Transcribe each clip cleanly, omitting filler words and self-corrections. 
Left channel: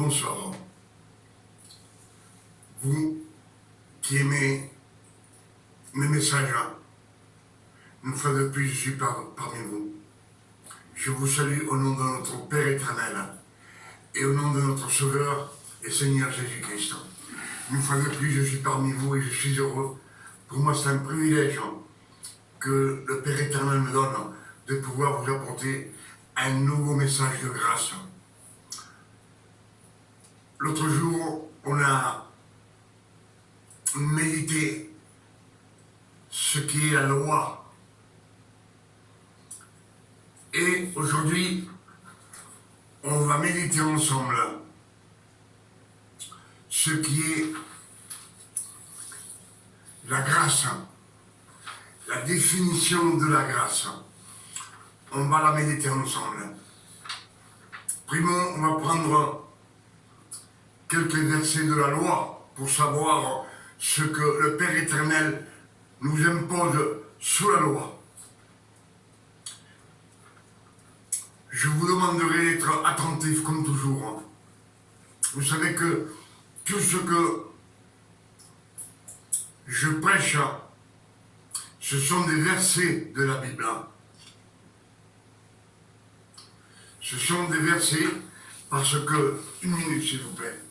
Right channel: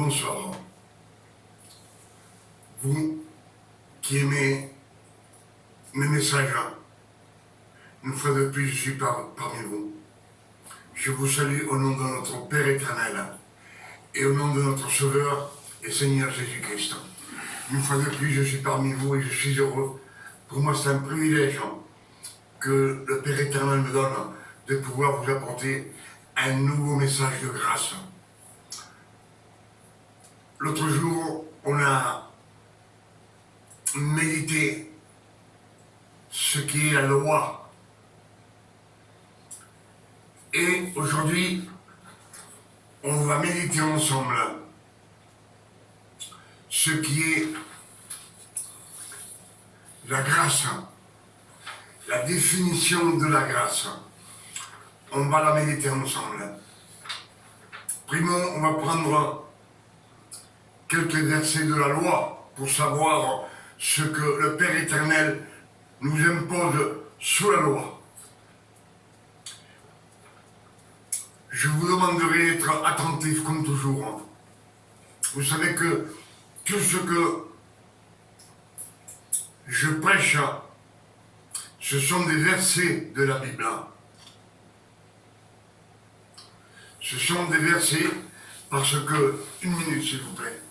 Bonsoir. Vous qui aimez mes messages, une fois de plus, je suis parmi vous. Je vous salue au nom de notre Père éternel et au nom de notre Sauveur et Seigneur Jésus-Christ. Une fois de plus, je suis parmi vous et je suis heureux. Pour moi, c'est un privilège que le Père éternel me donne de pouvoir vous apporter un nouveau message de grâce. L'autre jour, on a médité ce qui est la loi. Et aujourd'hui, on va méditer ensemble ce qui est la grâce, la définition de la grâce. On va la méditer ensemble. Primo, on va prendre quelques versets de la loi pour savoir ce que le Père éternel nous impose sous la loi. Je vous demanderai d'être attentif comme toujours. Vous savez que tout ce que je prêche, ce sont des versets de la Bible. Ce sont des versets parce que, une minute s'il vous plaît.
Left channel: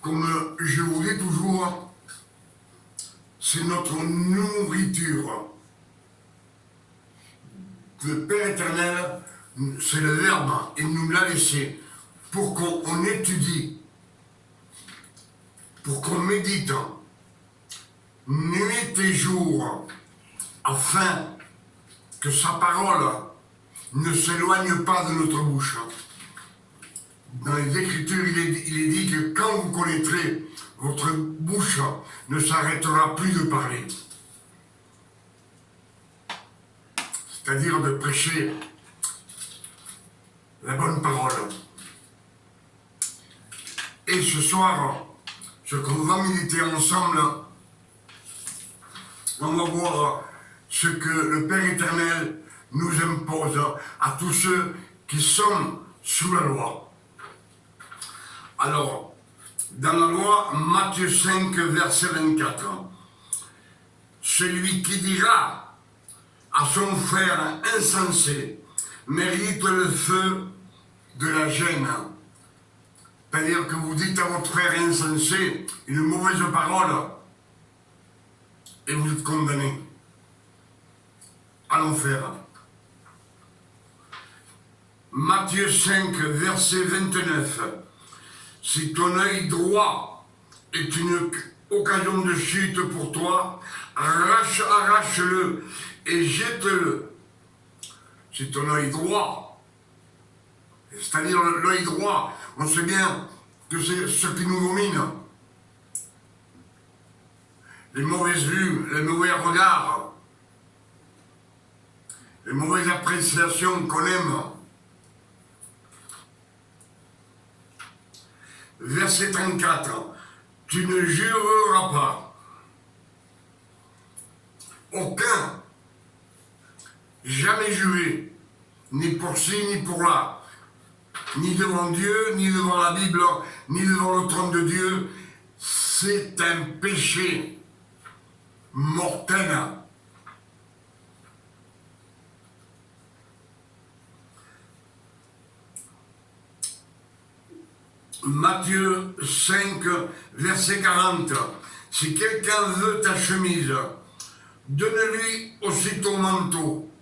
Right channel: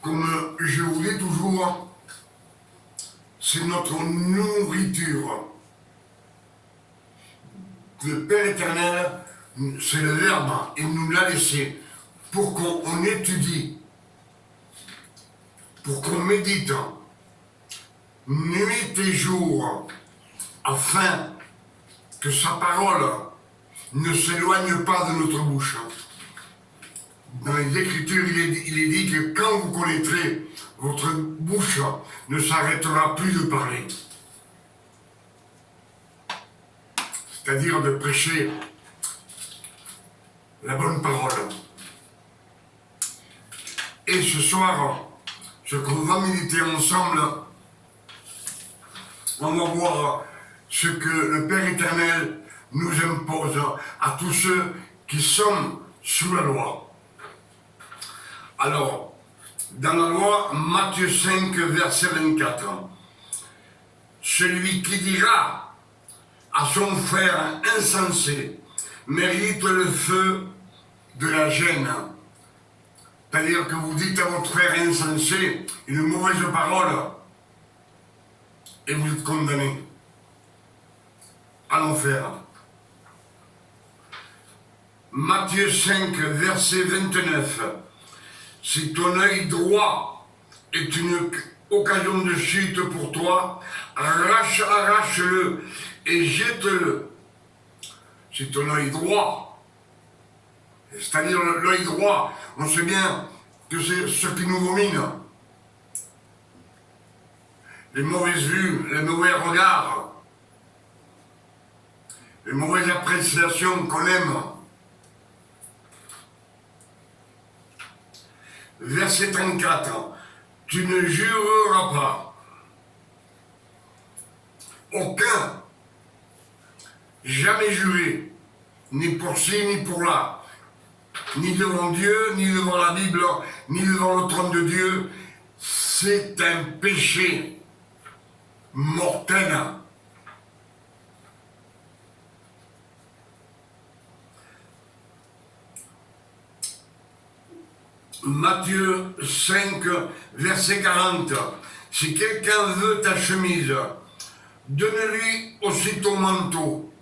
Comme je vous dis toujours, c'est notre nourriture. Le Père éternel, c'est le Verbe, il nous l'a laissé pour qu'on étudie, pour qu'on médite nuit et jour, afin que sa parole ne s'éloigne pas de notre bouche. Dans les Écritures, il est dit que quand vous connaîtrez, votre bouche ne s'arrêtera plus de parler. C'est-à-dire de prêcher la bonne parole. Et ce soir, ce qu'on va méditer ensemble, on va voir ce que le Père éternel nous impose à tous ceux qui sont sous la loi. Alors, dans la loi, Matthieu 5, verset 24, celui qui dira à son frère insensé mérite le feu de la gêne. C'est-à-dire que vous dites à votre frère insensé une mauvaise parole et vous êtes condamné à l'enfer. Matthieu 5, verset 29. Si ton œil droit est une occasion de chute pour toi, arrache-le et jette-le. Si ton œil droit, c'est-à-dire l'œil droit, on sait bien que c'est ce qui nous domine. Les mauvaises vues, les mauvais regards, les mauvaises appréciations qu'on aime. Verset 34, tu ne jureras pas. Aucun, jamais juré, ni pour ci, ni pour là, ni devant Dieu, ni devant la Bible, ni devant le trône de Dieu, c'est un péché mortel. Matthieu 5, verset 40. Si quelqu'un veut ta chemise, donne-lui aussi ton manteau.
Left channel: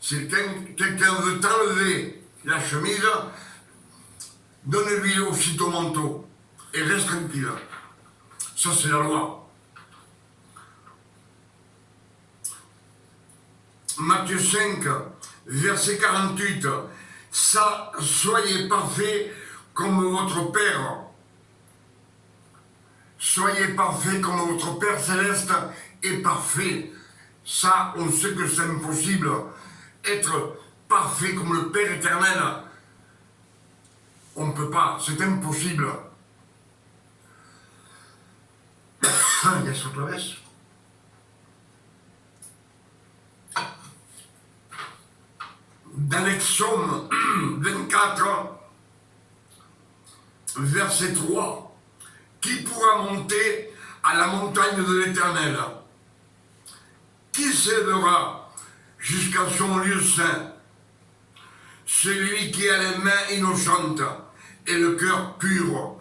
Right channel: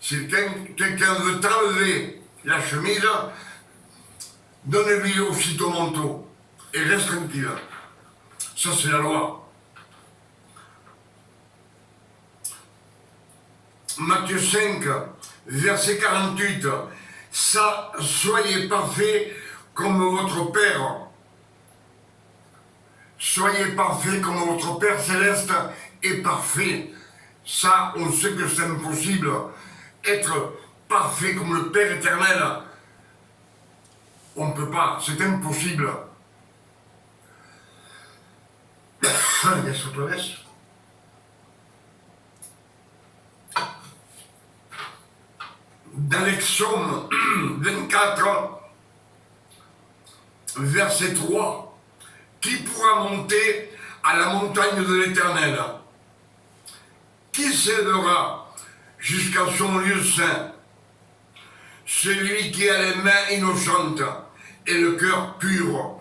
Si quelqu'un veut t'enlever la chemise, donne-lui aussi ton manteau. Et reste tranquille. Ça, c'est la loi. Matthieu 5, verset 48. Ça, soyez parfaits comme votre Père. Soyez parfaits comme votre Père céleste est parfait. Ça, on sait que c'est impossible. être parfait comme le Père éternel, on ne peut pas, c'est impossible. Yes, otra vez. Dans l'Exode 24, verset 3, qui pourra monter à la montagne de l'Éternel? Qui s'élèvera jusqu'à son lieu saint? Celui qui a les mains innocentes et le cœur pur.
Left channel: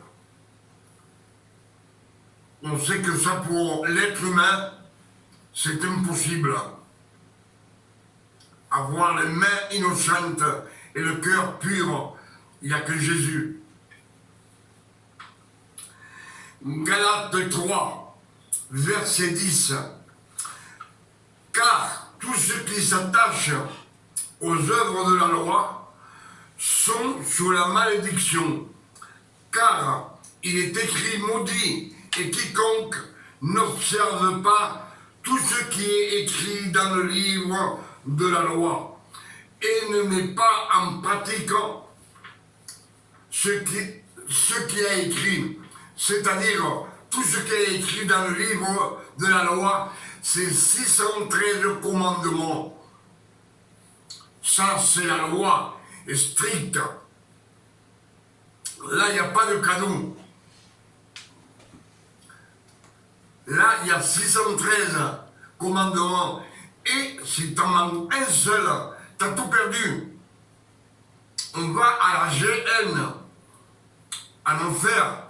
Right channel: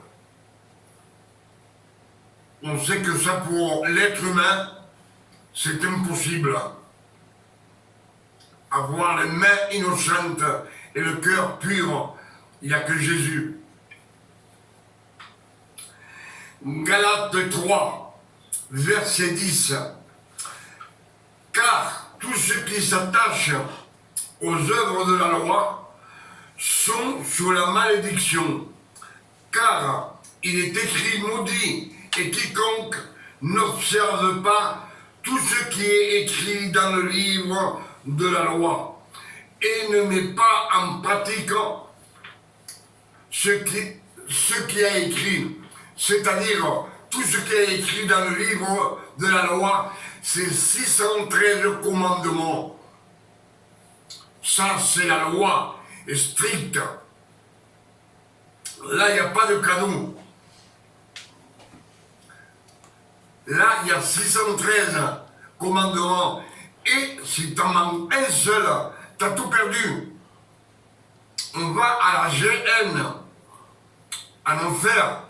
On sait que ça, pour l'être humain, c'est impossible. Avoir les mains innocentes et le cœur pur, il n'y a que Jésus. Galates 3, verset 10. Car tous ceux qui s'attachent aux œuvres de la loi sont sous la malédiction. Car il est écrit maudit et quiconque n'observe pas tout ce qui est écrit dans le livre de la loi et ne met pas en pratique ce qui a écrit, c'est-à-dire tout ce qui est écrit dans le livre de la loi, c'est 613 commandements. Ça, c'est la loi, est stricte. Là, il n'y a pas de cadeau. Là, il y a 613 commandements. Et si tu en manques un seul, tu as tout perdu. On va à la GN, en enfer.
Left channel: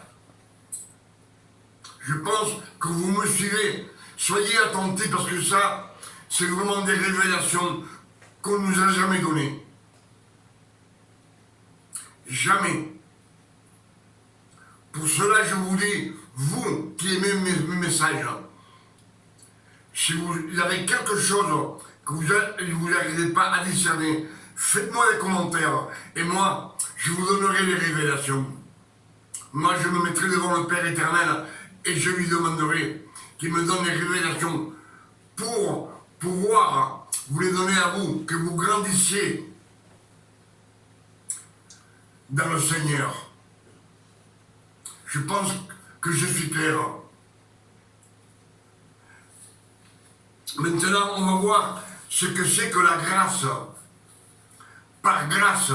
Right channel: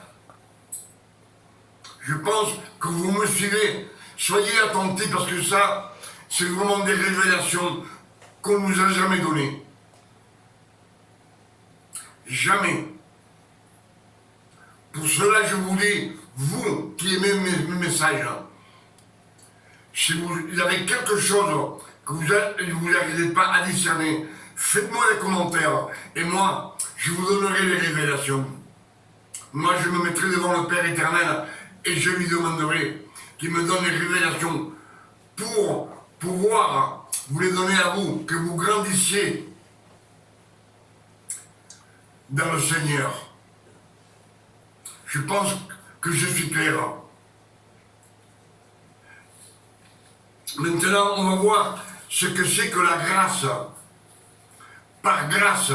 Je pense que vous me suivez. Soyez attentifs parce que ça, c'est vraiment des révélations qu'on ne nous a jamais données. Jamais. Pour cela, je vous dis, vous qui aimez mes messages, si vous avez quelque chose que vous n'arrivez pas à discerner, faites-moi des commentaires et moi, je vous donnerai les révélations. Moi, je me mettrai devant le Père éternel et je lui demanderai qu'il me donne les révélations pour pouvoir vous les donner à vous, que vous grandissiez dans le Seigneur. Je pense que je suis clair. Maintenant, on va voir ce que c'est que la grâce. Par grâce.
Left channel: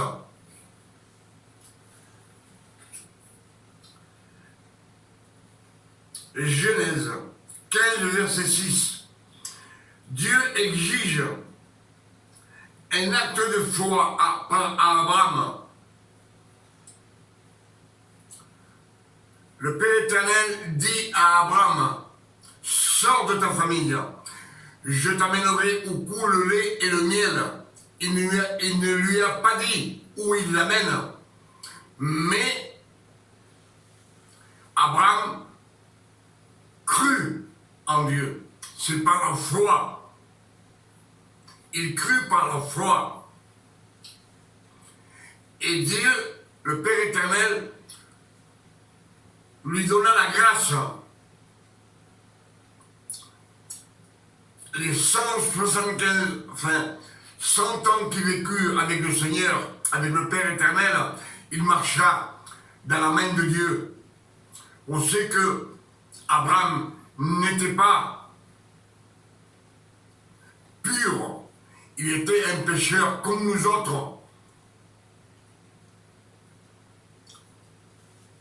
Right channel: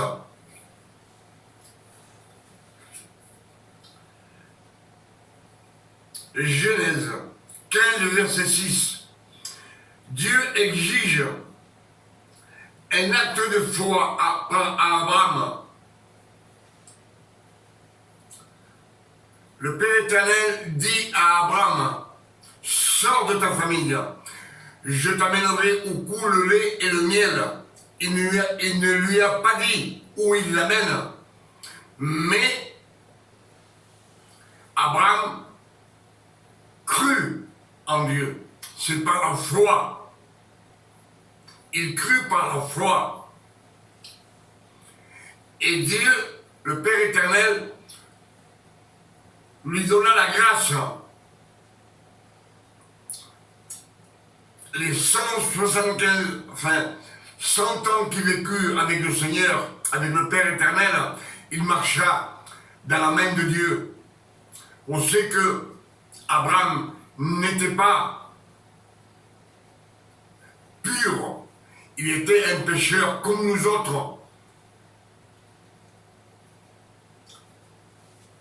Genèse 15, verset 6. Dieu exige un acte de foi à Abraham. Le Père éternel dit à Abraham, sors de ta famille, je t'amènerai où coule le lait et le miel. Il ne lui a pas dit où il l'amène, mais Abraham crut en Dieu. C'est par la foi. Il crut par la foi. Et Dieu, le Père éternel, lui donna la grâce. Les 100 ans qu'il vécut avec le Seigneur, avec le Père éternel, il marcha dans la main de Dieu. On sait que Abraham n'était pas pur, il était un pécheur comme nous autres.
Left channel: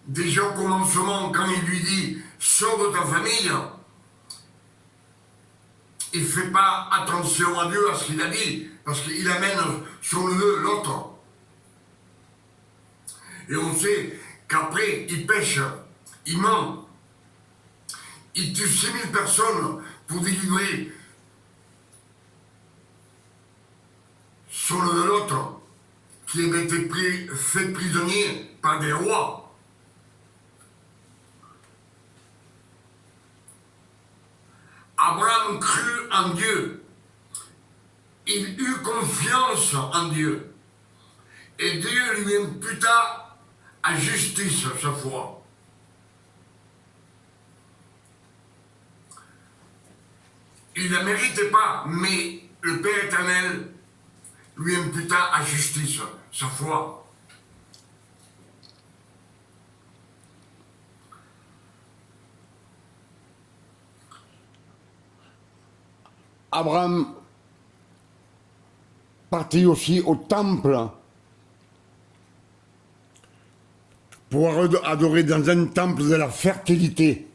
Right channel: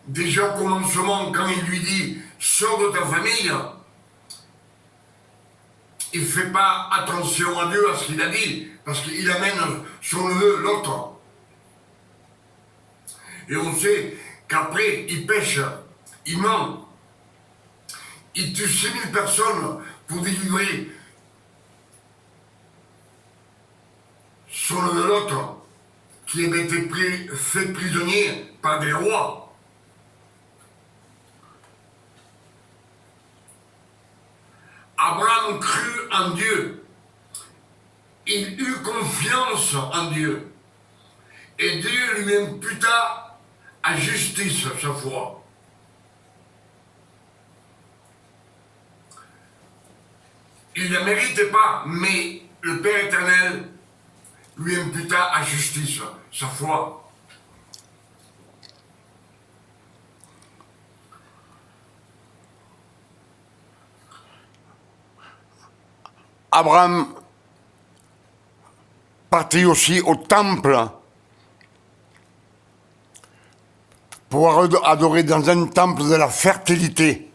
Déjà au commencement, quand il lui dit « Sors de ta famille », il ne fait pas attention à Dieu, à ce qu'il a dit, parce qu'il amène son neveu, l'autre. Et on sait qu'après, il pêche, il ment, il tue 6000 personnes pour délivrer son neveu, l'autre, qui avait été fait prisonnier par des rois. Abraham crut en Dieu. Il eut confiance en Dieu. Et Dieu lui imputa à justice sa foi. Il ne la méritait pas, mais le Père éternel lui imputa à justice sa foi. Abraham partit aussi au temple pour adorer dans un temple de la fertilité.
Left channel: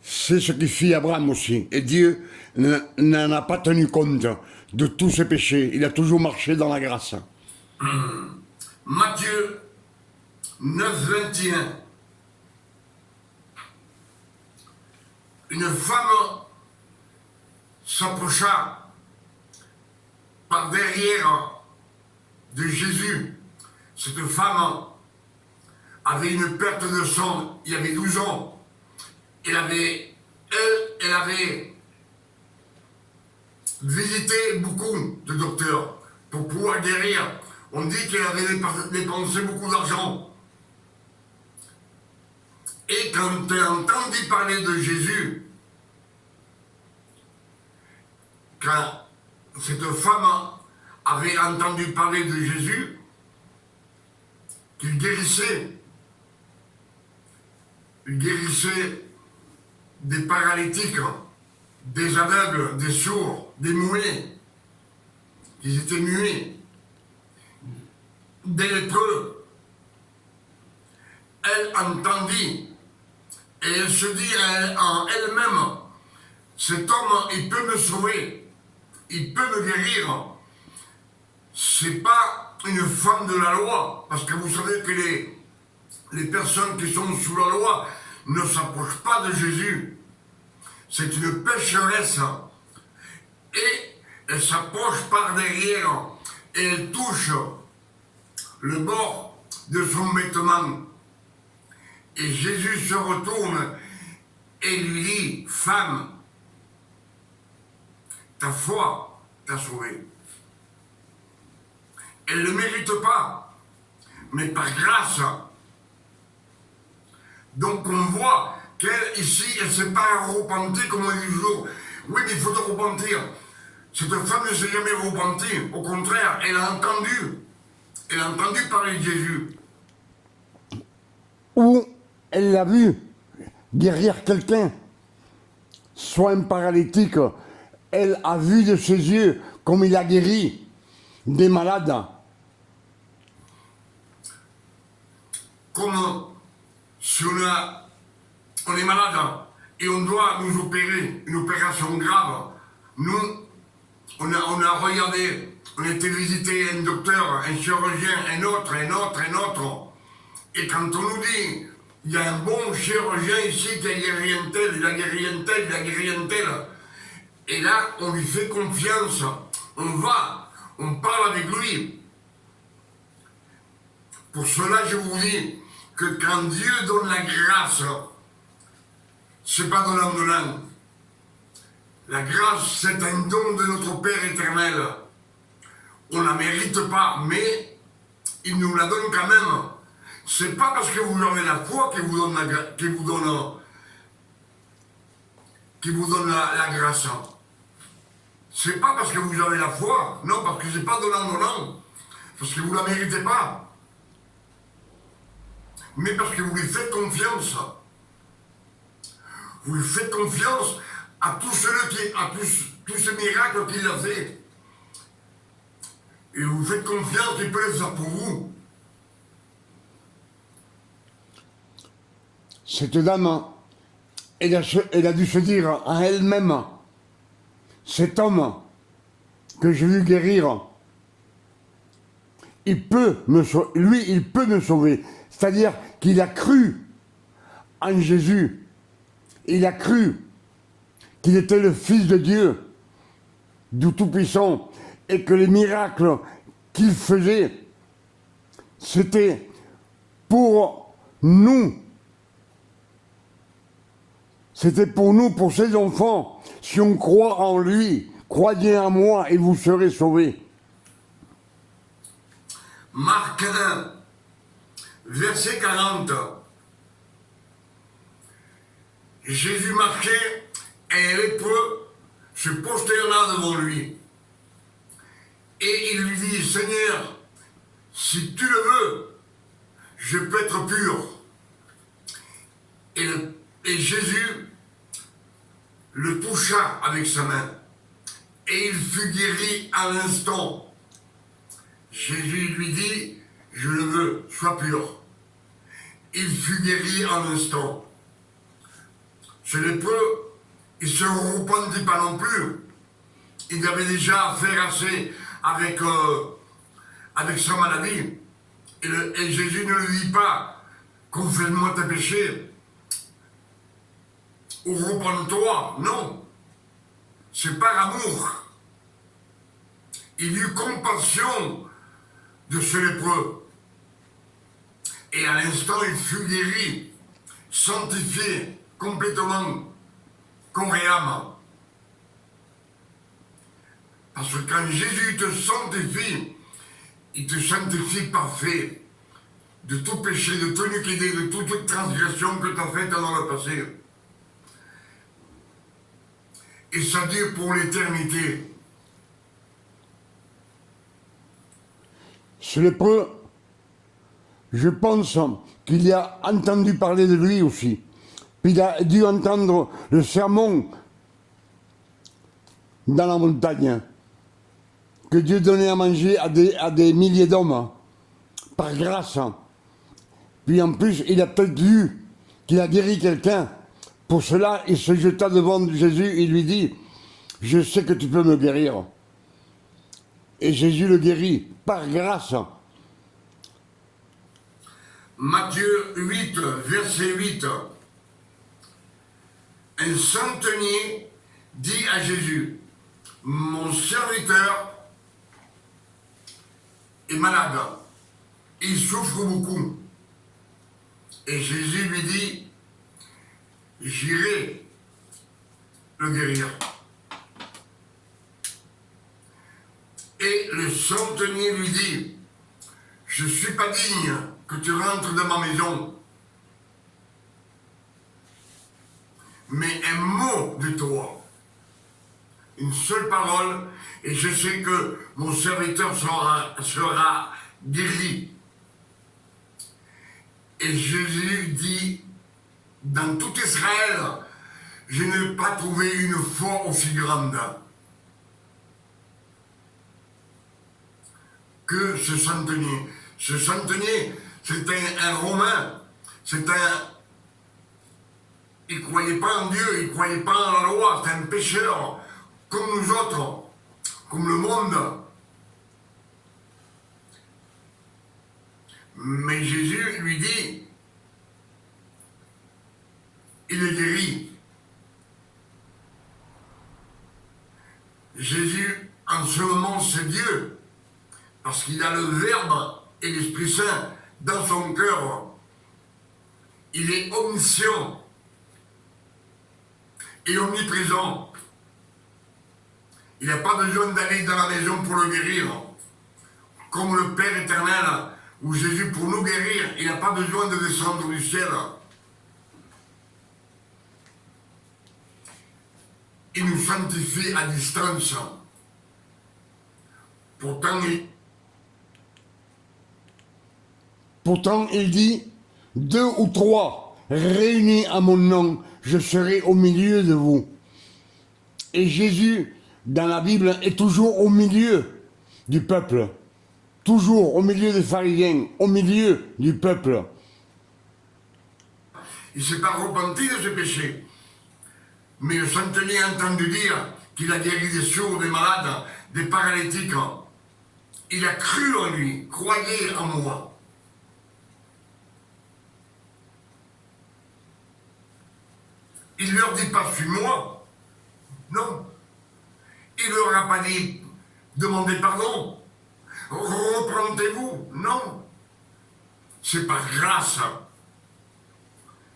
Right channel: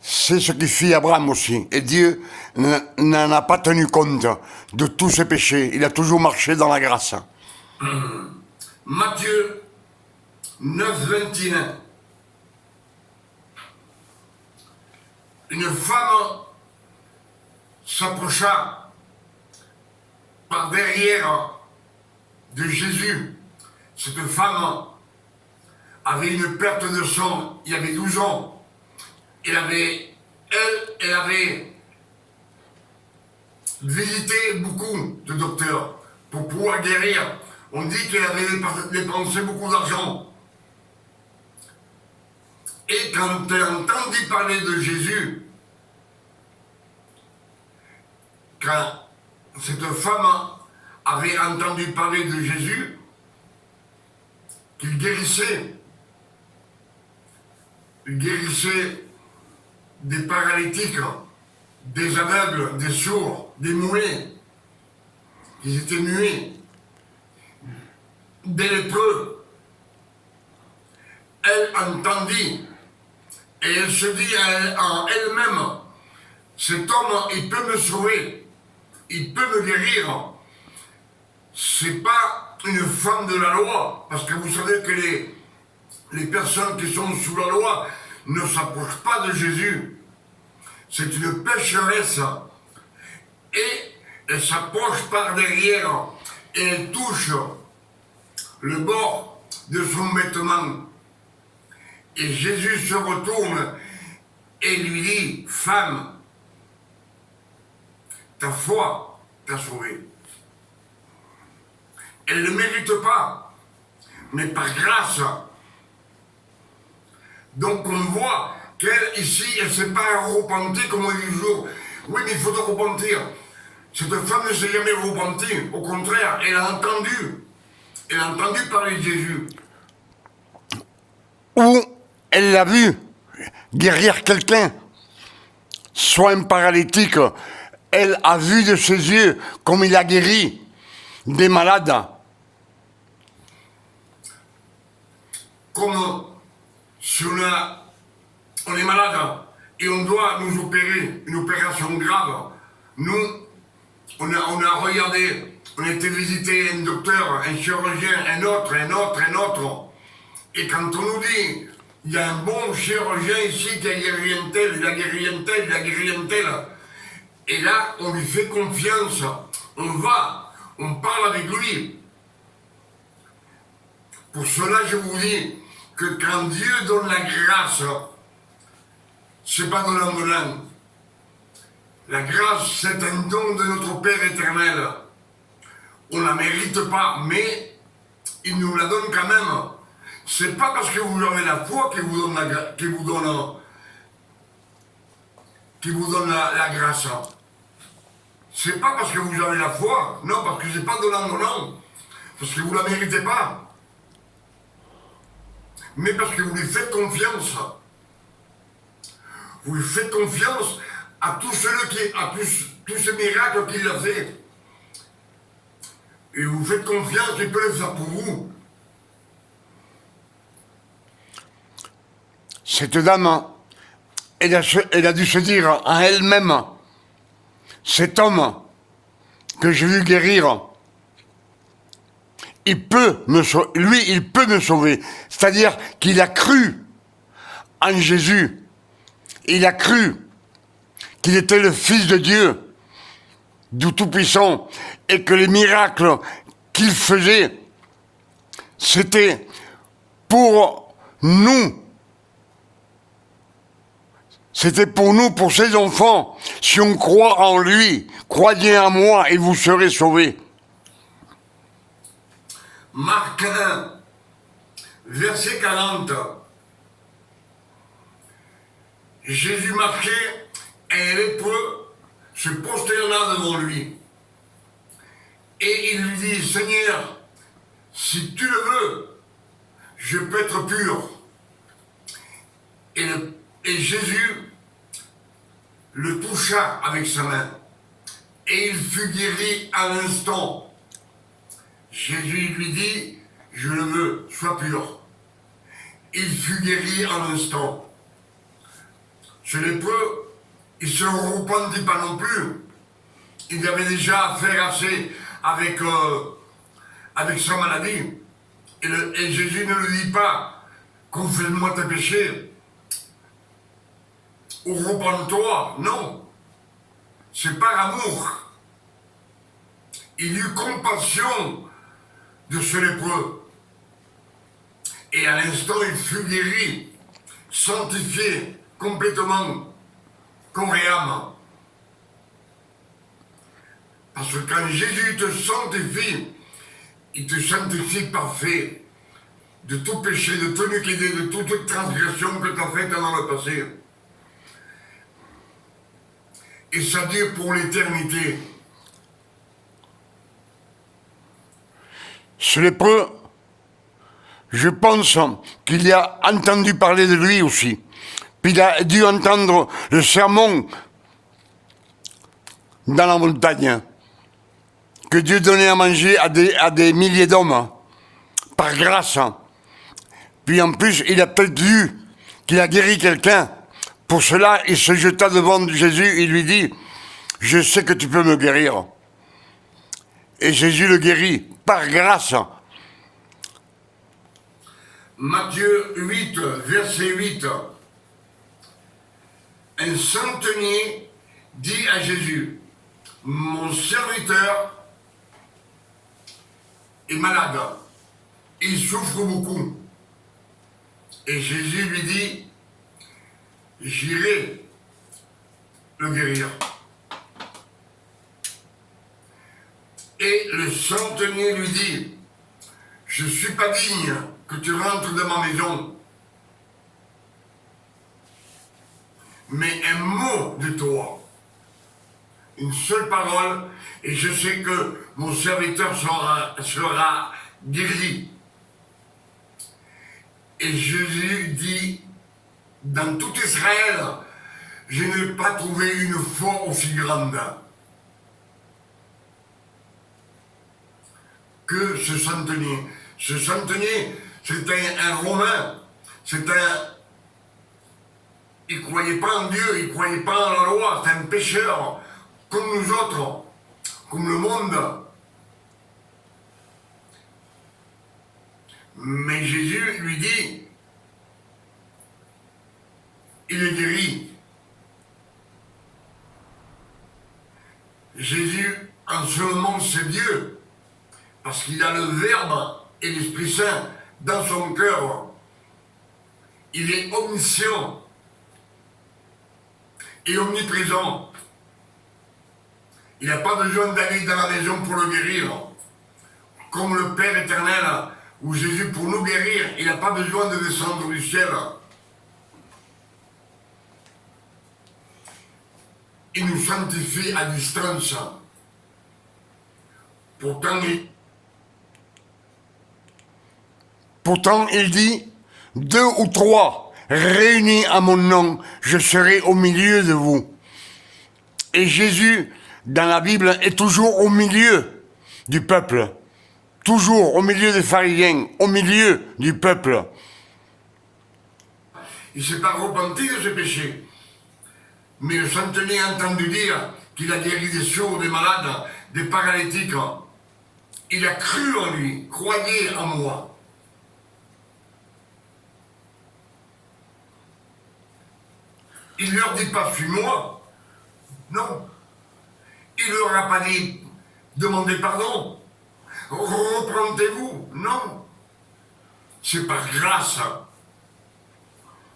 C'est ce qui fit Abraham aussi. Et Dieu n'en a pas tenu compte de tous ses péchés. Il a toujours marché dans la grâce. Matthieu 9, 21. Une femme s'approcha par derrière de Jésus. Cette femme avait une perte de sang, il y avait 12 ans. Elle avait visité beaucoup de docteurs pour pouvoir guérir. On dit qu'elle avait dépensé beaucoup d'argent. Et quand elle entendit parler de Jésus, quand cette femme avait entendu parler de Jésus, qu'il guérissait des paralytiques, des aveugles, des sourds, des muets, qui étaient muets, des lépreux. Elle entendit et elle se dit en elle-même, cet homme, il peut me sauver, il peut me guérir. C'est pas une femme de la loi, parce que vous savez que les personnes qui sont sous la loi ne s'approchent pas de Jésus. C'est une pécheresse. Et elle s'approche par derrière et elle touche le bord de son vêtement. Et Jésus se retourne et lui dit, femme, ta foi t'a sauvée. Elle ne le mérite pas, mais par grâce. Donc on voit qu'elle, ici, elle ne s'est pas repentie comme on dit toujours. Oui, mais il faut te repentir. Cette femme ne s'est jamais repentie. Au contraire, elle a entendu parler de Jésus. Ou elle l'a vu guérir quelqu'un, soit un paralytique. Elle a vu de ses yeux comme il a guéri des malades. Comme si on est malade et on doit nous opérer, une opération grave. Nous, on a regardé, on a été visiter un docteur, un chirurgien, un autre. Et quand on nous dit, il y a un bon chirurgien ici qui a guéri un tel, il a guéri un tel. Et là, on lui fait confiance. On parle avec lui. Pour cela, je vous dis que quand Dieu donne la grâce, c'est pas donnant. La grâce, c'est un don de notre Père éternel. On ne la mérite pas, mais il nous la donne quand même. C'est pas parce que vous avez la foi qu'il vous donne la grâce. C'est pas parce que vous avez la foi, non, parce que c'est pas donnant, parce que vous la méritez pas. Mais parce que vous lui faites confiance. Vous lui faites confiance à tous ces miracles qu'il a fait. Et vous faites confiance qu'il peut le faire pour vous. Cette dame, elle a dû se dire en elle-même, cet homme que j'ai vu guérir, il peut me sauver. C'est-à-dire qu'il a cru en Jésus. Il a cru qu'il était le Fils de Dieu, du Tout-Puissant, et que les miracles qu'il faisait, c'était pour nous. C'était pour nous, pour ses enfants. Si on croit en lui, croyez en moi et vous serez sauvés. Marc 1, verset 40. Jésus marchait et un lépreux se prosterna devant lui. Et il lui dit, Seigneur, si tu le veux, je peux être pur. Et Jésus le toucha avec sa main. Et il fut guéri à l'instant. Jésus lui dit, je le veux, sois pur. Il fut guéri à l'instant. Ce lépreux, il ne se repentit pas non plus. Il avait déjà affaire assez avec sa maladie. Et Jésus ne lui dit pas, confesse-moi tes péchés, ou repens-toi. Non, c'est par amour. Il eut compassion de ce lépreux. Et à l'instant, il fut guéri, sanctifié complètement, corps et âme. Parce que quand Jésus te sanctifie, il te sanctifie parfait de tout péché, de toute iniquité, de toute transgression que tu as faite dans le passé. Et ça dure pour l'éternité. Ce lépreux, je pense qu'il a entendu parler de lui aussi. Puis il a dû entendre le sermon dans la montagne que Dieu donnait à manger à des milliers d'hommes par grâce. Puis en plus, il a peut-être vu qu'il a guéri quelqu'un. Pour cela, il se jeta devant Jésus et lui dit, je sais que tu peux me guérir. Et Jésus le guérit par grâce. Matthieu 8, verset 8. Un centenier dit à Jésus, mon serviteur est malade, il souffre beaucoup. Et Jésus lui dit, j'irai le guérir. Et le centenier lui dit, je ne suis pas digne que tu rentres dans ma maison, mais un mot de toi, une seule parole, et je sais que mon serviteur sera guéri. Et Jésus dit, dans tout Israël, je n'ai pas trouvé une foi aussi grande que ce centenier. Ce centenier, c'était un Romain, il ne croyait pas en Dieu, il ne croyait pas en la loi, c'était un pécheur, comme nous autres, comme le monde. Mais Jésus lui dit, il est guéri. Jésus, en ce moment, c'est Dieu, parce qu'il a le Verbe et l'Esprit Saint dans son cœur. Il est omniscient et omniprésent. Il n'a pas besoin d'aller dans la maison pour le guérir. Comme le Père éternel, ou Jésus pour nous guérir, il n'a pas besoin de descendre du ciel. Il nous sanctifie à distance. Pourtant, il dit, 2 ou 3 réunis à mon nom, je serai au milieu de vous. Et Jésus, dans la Bible, est toujours au milieu du peuple. Toujours au milieu des pharisiens, au milieu du peuple. Il ne s'est pas repenti de ses péchés. Mais le centenier a entendu dire qu'il a guéri des sourds, des malades, des paralytiques. Il a cru en lui, croyez en moi. Il ne leur dit pas, suis-moi. Non. Il ne leur a pas dit, demandez pardon. Repentez-vous. Non. C'est par grâce.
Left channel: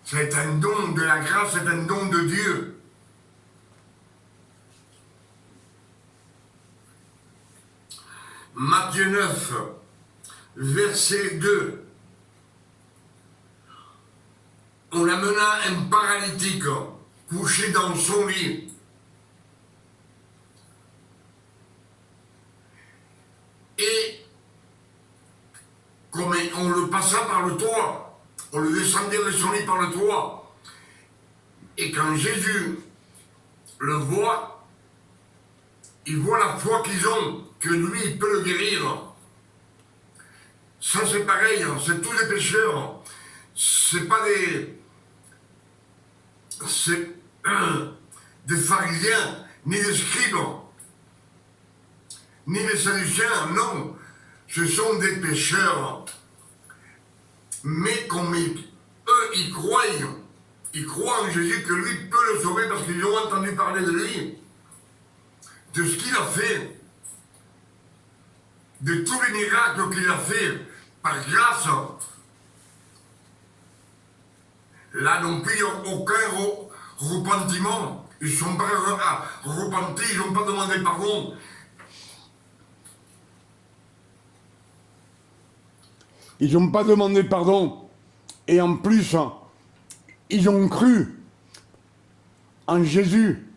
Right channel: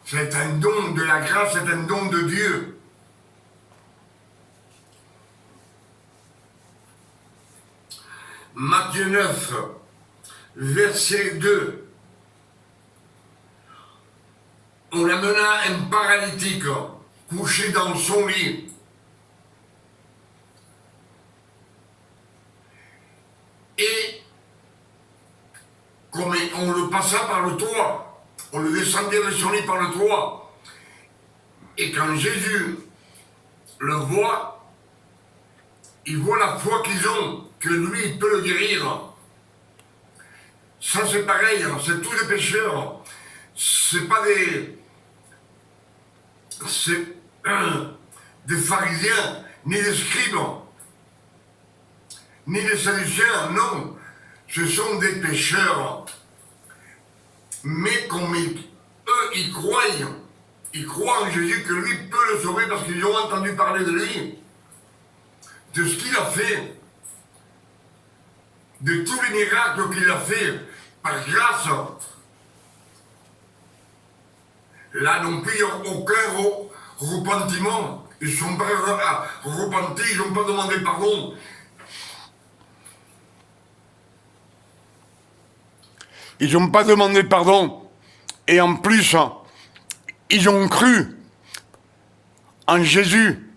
C'est un don de la grâce, c'est un don de Dieu. Matthieu 9, verset 2. On amena un paralytique couché dans son lit. Et comme on le passa par le toit, on le descendait de son lit par le toit. Et quand Jésus le voit, il voit la foi qu'ils ont, que lui, il peut le guérir. Ça, c'est pareil, hein, c'est tous des pécheurs. C'est pas des pharisiens, ni des scribes, ni des sadducéens, non. Ce sont des pécheurs. Mais comme eux, ils croient en Jésus que lui peut le sauver parce qu'ils ont entendu parler de lui, de ce qu'il a fait, de tous les miracles qu'il a fait par grâce. Là non plus, ils n'ont aucun repentiment. Ils ne sont pas repentis, ils n'ont pas demandé pardon. Ils n'ont pas demandé pardon. Et en plus, ils ont cru en Jésus.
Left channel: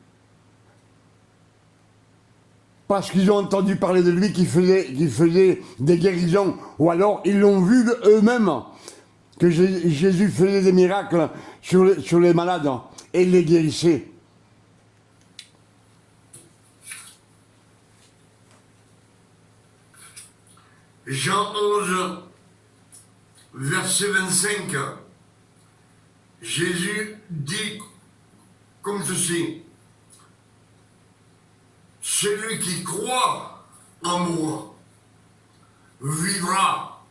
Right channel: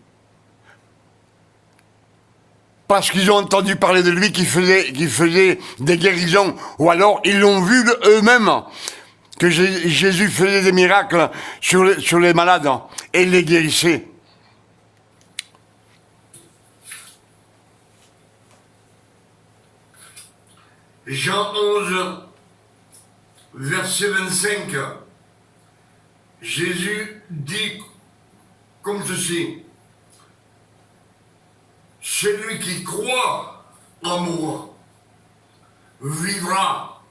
Parce qu'ils ont entendu parler de lui qui faisait des guérisons. Ou alors, ils l'ont vu eux-mêmes. Que Jésus faisait des miracles sur les malades. Et les guérissait. Jean 11, verset 25, Jésus dit comme ceci: celui qui croit en moi vivra,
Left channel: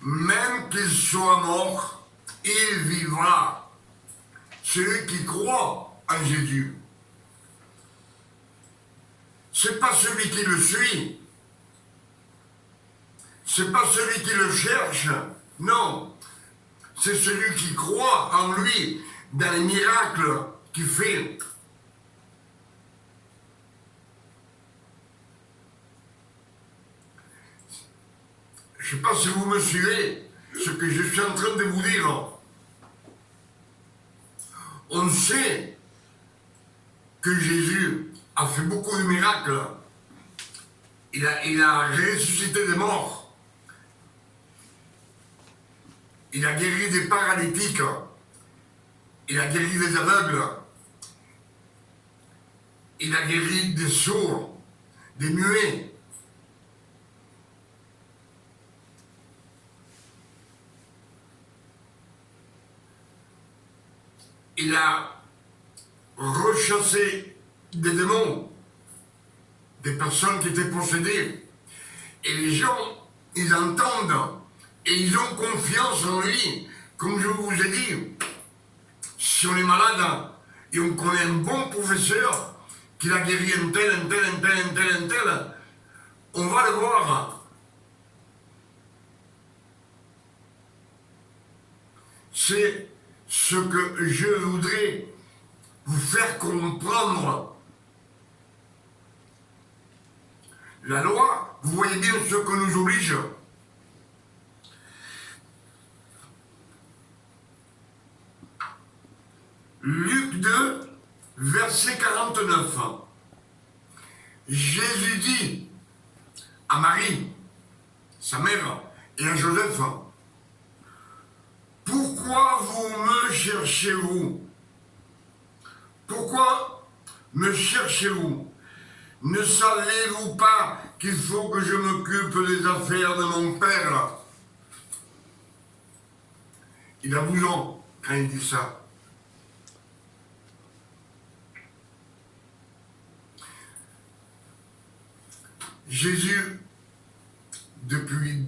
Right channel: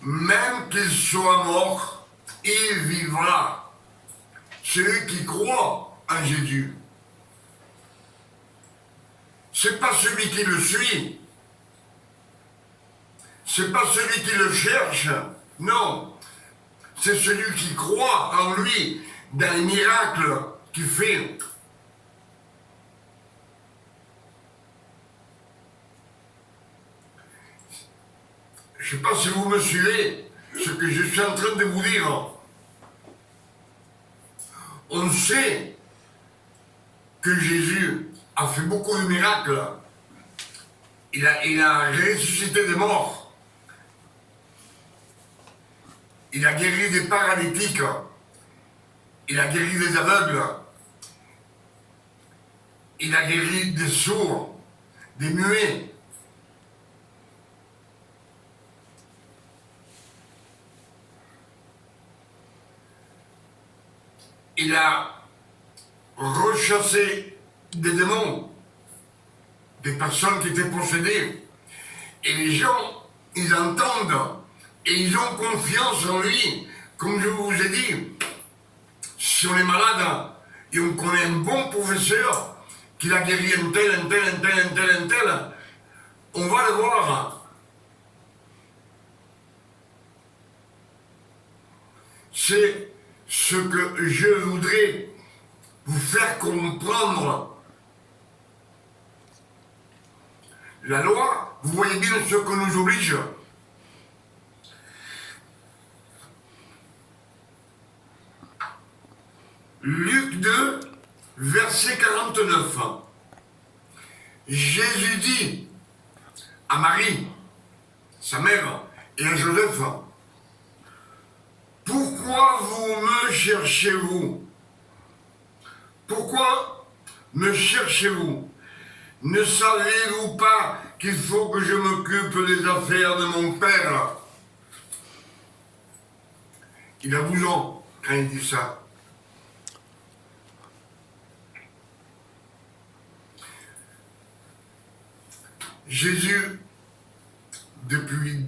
même qu'il soit mort, il vivra. Celui qui croit en Jésus. C'est pas celui qui le suit. C'est pas celui qui le cherche, non. C'est celui qui croit en lui, dans les miracles qu'il fait. Je ne sais pas si vous me suivez, ce que je suis en train de vous dire. On sait que Jésus a fait beaucoup de miracles. Il a ressuscité des morts. Il a guéri des paralytiques. Il a guéri des aveugles. Il a guéri des sourds, des muets. Il a rechassé des démons, des personnes qui étaient possédées. Et les gens, ils entendent et ils ont confiance en lui. Comme je vous ai dit, si on est malade et on connaît un bon professeur qui a guéri un tel, on va le voir. C'est ce que je voudrais vous faire comprendre. La loi, vous voyez bien ce que nous oblige. Luc 2, verset 49. Jésus dit à Marie, sa mère, et à Joseph: pourquoi vous me cherchez-vous? Pourquoi me cherchez-vous? Ne savez-vous pas qu'il faut que je m'occupe des affaires de mon Père? Il a 12 ans quand il dit ça. Jésus, depuis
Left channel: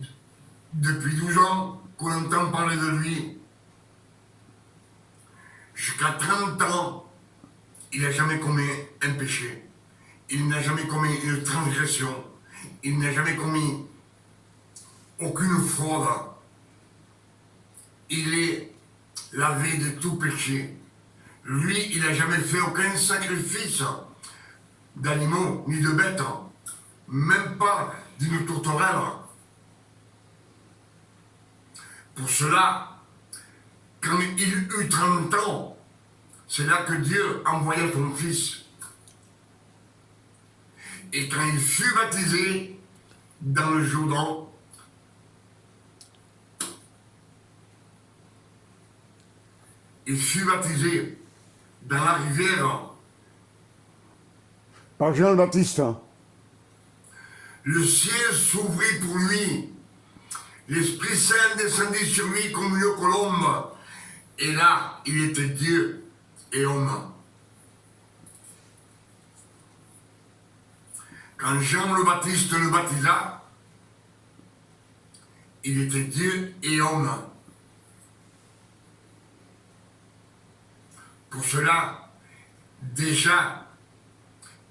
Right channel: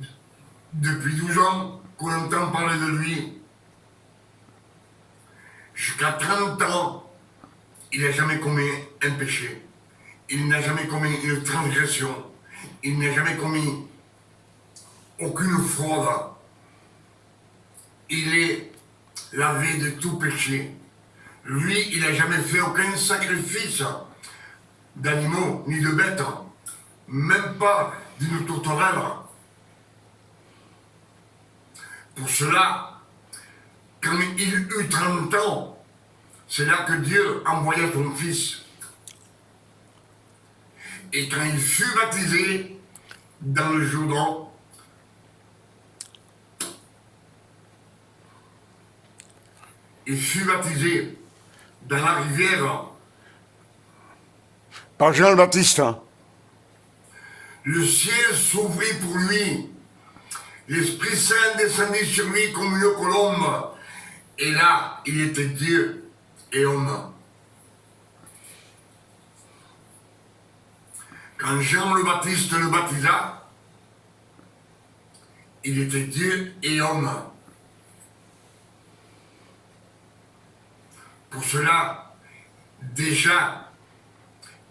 12 ans qu'on entend parler de lui, jusqu'à 30 ans, il n'a jamais commis un péché. Il n'a jamais commis une transgression. Il n'a jamais commis aucune fraude. Il est lavé de tout péché. Lui, il n'a jamais fait aucun sacrifice d'animaux ni de bêtes, même pas d'une tourterelle. Pour cela, quand il eut 30 ans, c'est là que Dieu envoya son Fils. Et quand il fut baptisé, dans le Jourdain. Il fut baptisé dans la rivière par Jean le Baptiste. Le ciel s'ouvrit pour lui. L'Esprit Saint descendit sur lui comme une colombe. Et là, il était Dieu et homme. Quand Jean le Baptiste le baptisa, il était Dieu et homme. Pour cela, déjà,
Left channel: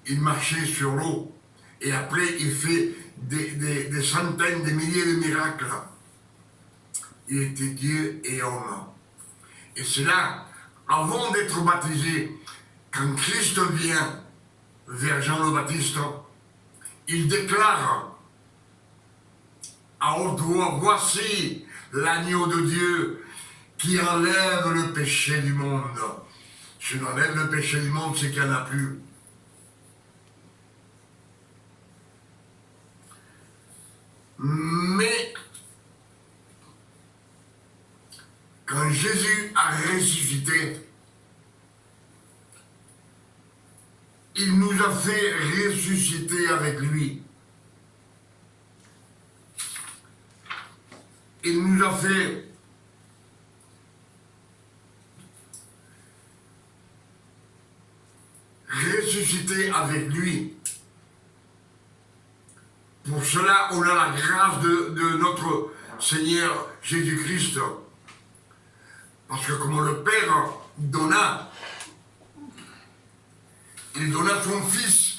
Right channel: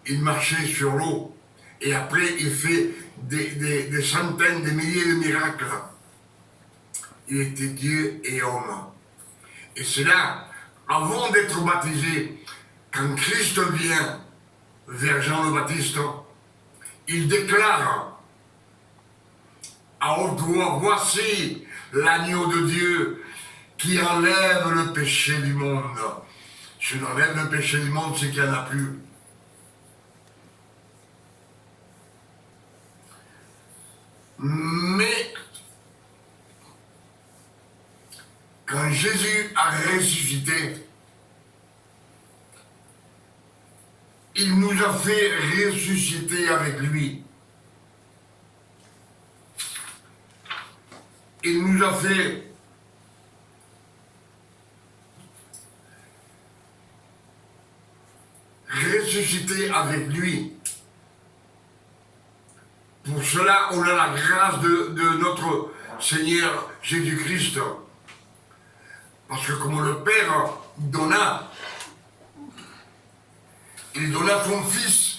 il marchait sur l'eau. Et après, il fait des centaines, des milliers de miracles. Il était Dieu et homme. Et c'est là, avant d'être baptisé, quand Christ vient vers Jean le Baptiste, il déclare à haute voix, voici l'agneau de Dieu qui enlève le péché du monde. Si on enlève le péché du monde, c'est qu'il n'y en a plus. Mais quand Jésus a ressuscité, il nous a fait ressusciter avec lui. Il nous a fait ressusciter avec lui. Pour cela, on a la grâce de notre Seigneur Jésus-Christ. Parce que comme le Père donna, il donna son Fils.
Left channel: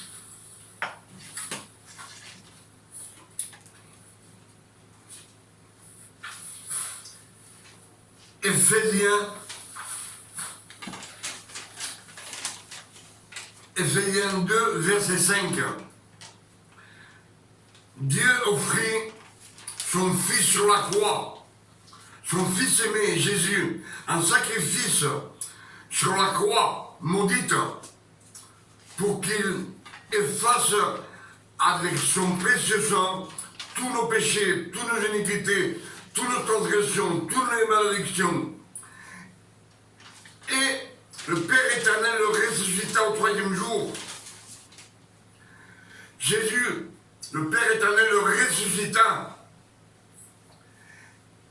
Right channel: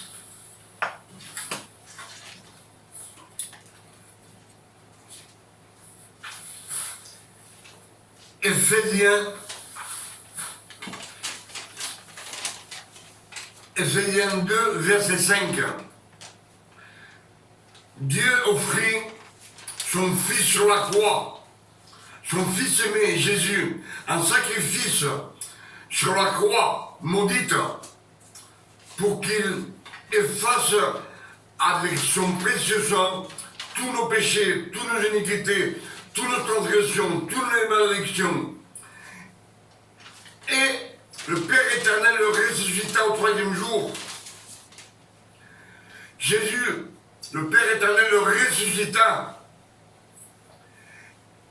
Éphésiens 2, verset 5. Dieu offrit son Fils sur la croix, son Fils aimé, Jésus, un sacrifice sur la croix maudite, pour qu'il efface avec son précieux sang tous nos péchés, toutes nos iniquités, toutes nos transgressions, toutes les malédictions. Et le Père éternel le ressuscita au troisième jour. Jésus, le Père éternel le ressuscita.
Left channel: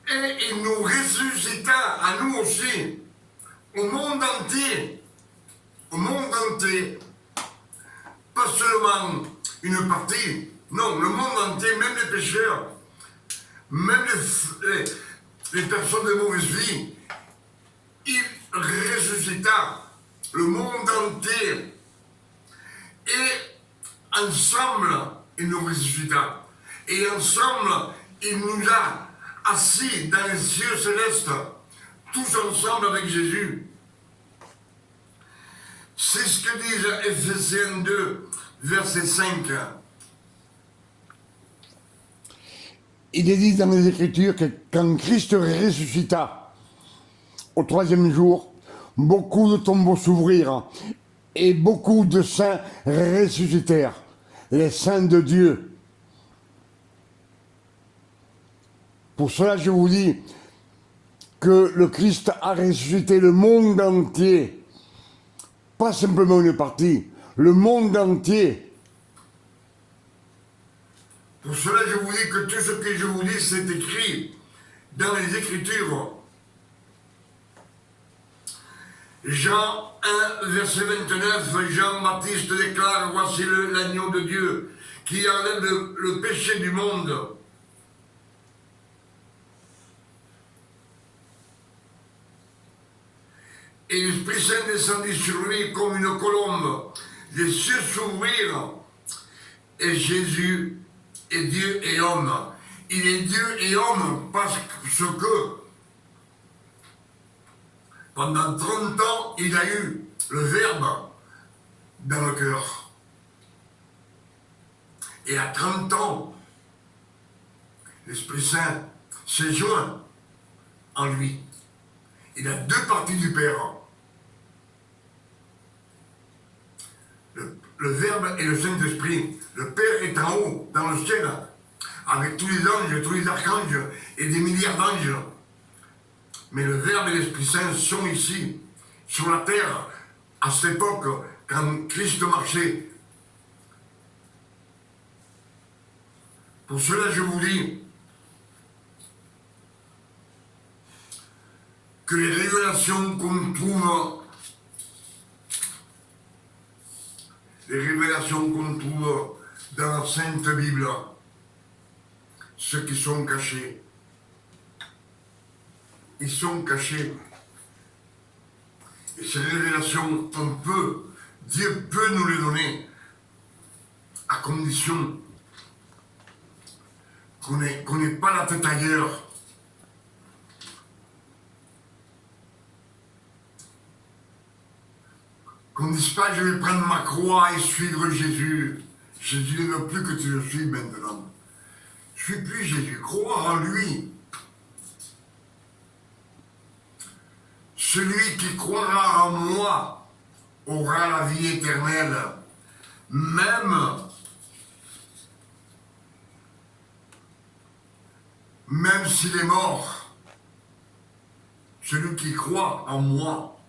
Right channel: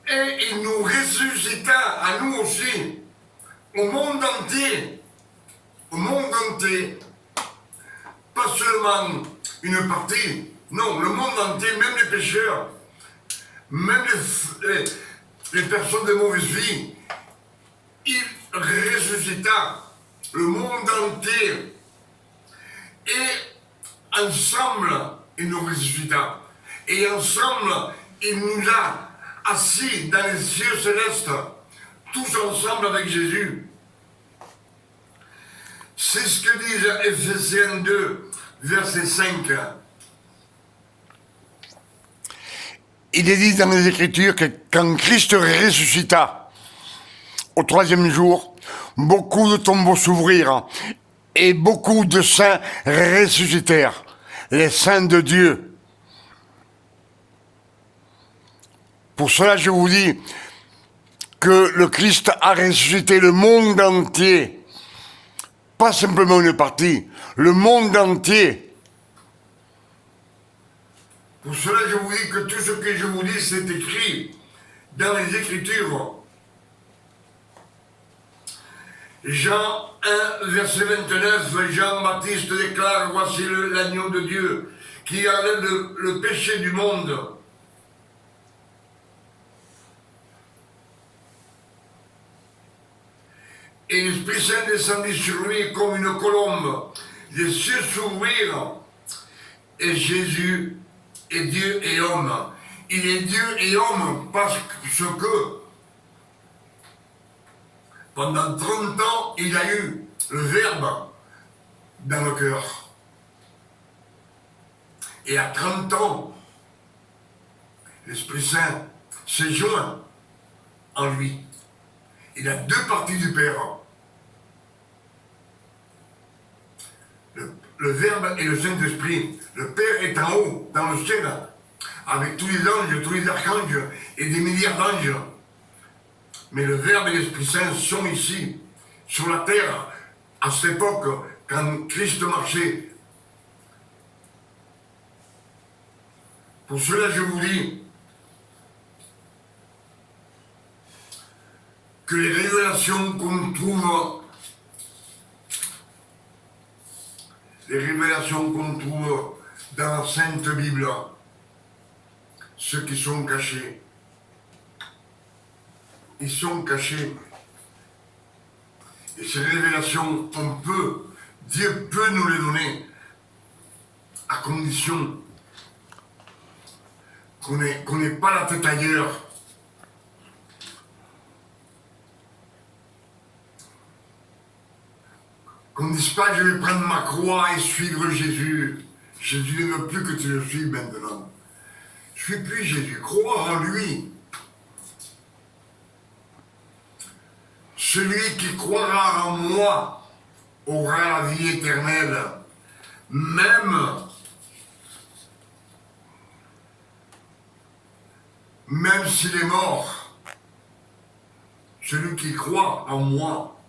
Et il nous ressuscita à nous aussi, au monde entier. Au monde entier. Pas seulement une partie, non, le monde entier, même les pécheurs, même les personnes de mauvaise vie, il ressuscita le monde entier. Et ensemble, il nous ressuscita. Et ensemble, il nous a assis dans les cieux célestes, tous ensemble avec Jésus. C'est ce que dit Éphésiens 2, verset 5. Il est dit dans les Écritures que quand Christ ressuscita au troisième jour, beaucoup de tombeaux s'ouvrirent et beaucoup de saints ressuscitèrent, les saints de Dieu. Pour cela, je vous dis que le Christ a ressuscité le monde entier, pas simplement une partie, le monde entier. Pour cela, je vous dis que tout ce que je vous dis, c'est écrit dans les Écritures. Jean 1, verset 29, Jean-Baptiste déclare, voici l'agneau de Dieu qui enlève le péché du monde. Et l'Esprit Saint descendit sur lui comme une colombe. Les cieux s'ouvrirent et Jésus est Dieu et homme. Il est Dieu et homme parce que pendant 30 ans, il a eu le Verbe dans le cœur. Et à 30 ans, l'Esprit Saint s'est joint en lui. Il a deux parties du Père. Le Verbe et le Saint-Esprit. Le Père est en haut, dans le ciel. avec tous les anges, tous les archanges et des milliards d'anges. Mais le Verbe et l'Esprit Saint sont ici, sur la terre, à cette époque, quand Christ marchait. Pour cela, je vous dis que les révélations qu'on trouve, dans la Sainte Bible, ceux qui sont cachés, ils sont cachés. Et ces révélations, Dieu peut nous les donner, à condition qu'on n'ait pas la tête ailleurs. Qu'on ne dise pas, je vais prendre ma croix et suivre Jésus. Jésus ne veut plus que tu le suives maintenant. Je ne suis plus Jésus, crois en lui. Celui qui croira en moi aura la vie éternelle, même s'il est mort. Celui qui croit en moi.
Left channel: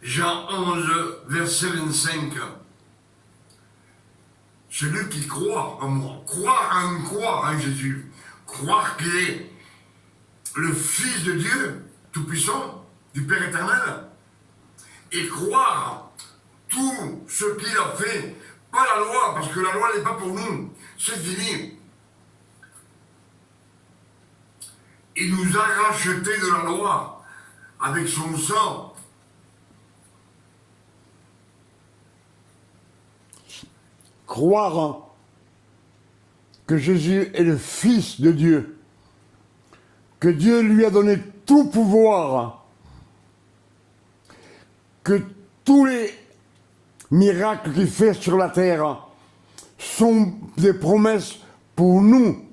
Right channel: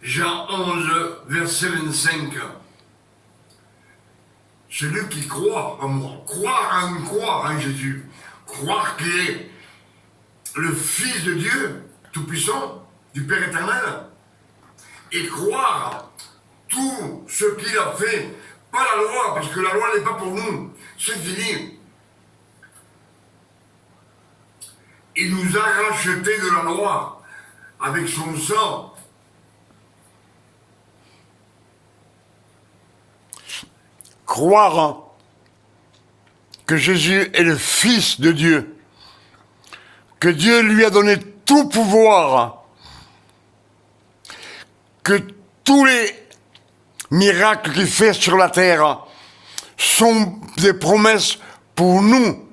Jean 11, verset 25. Celui qui croit en moi. Croire en Jésus. Croire qu'il est le Fils de Dieu Tout-Puissant, du Père éternel. Et croire tout ce qu'il a fait. Pas la loi, parce que la loi n'est pas pour nous. C'est fini. Il nous a rachetés de la loi avec son sang. Croire que Jésus est le Fils de Dieu, que Dieu lui a donné tout pouvoir, que tous les miracles qu'il fait sur la terre sont des promesses pour nous,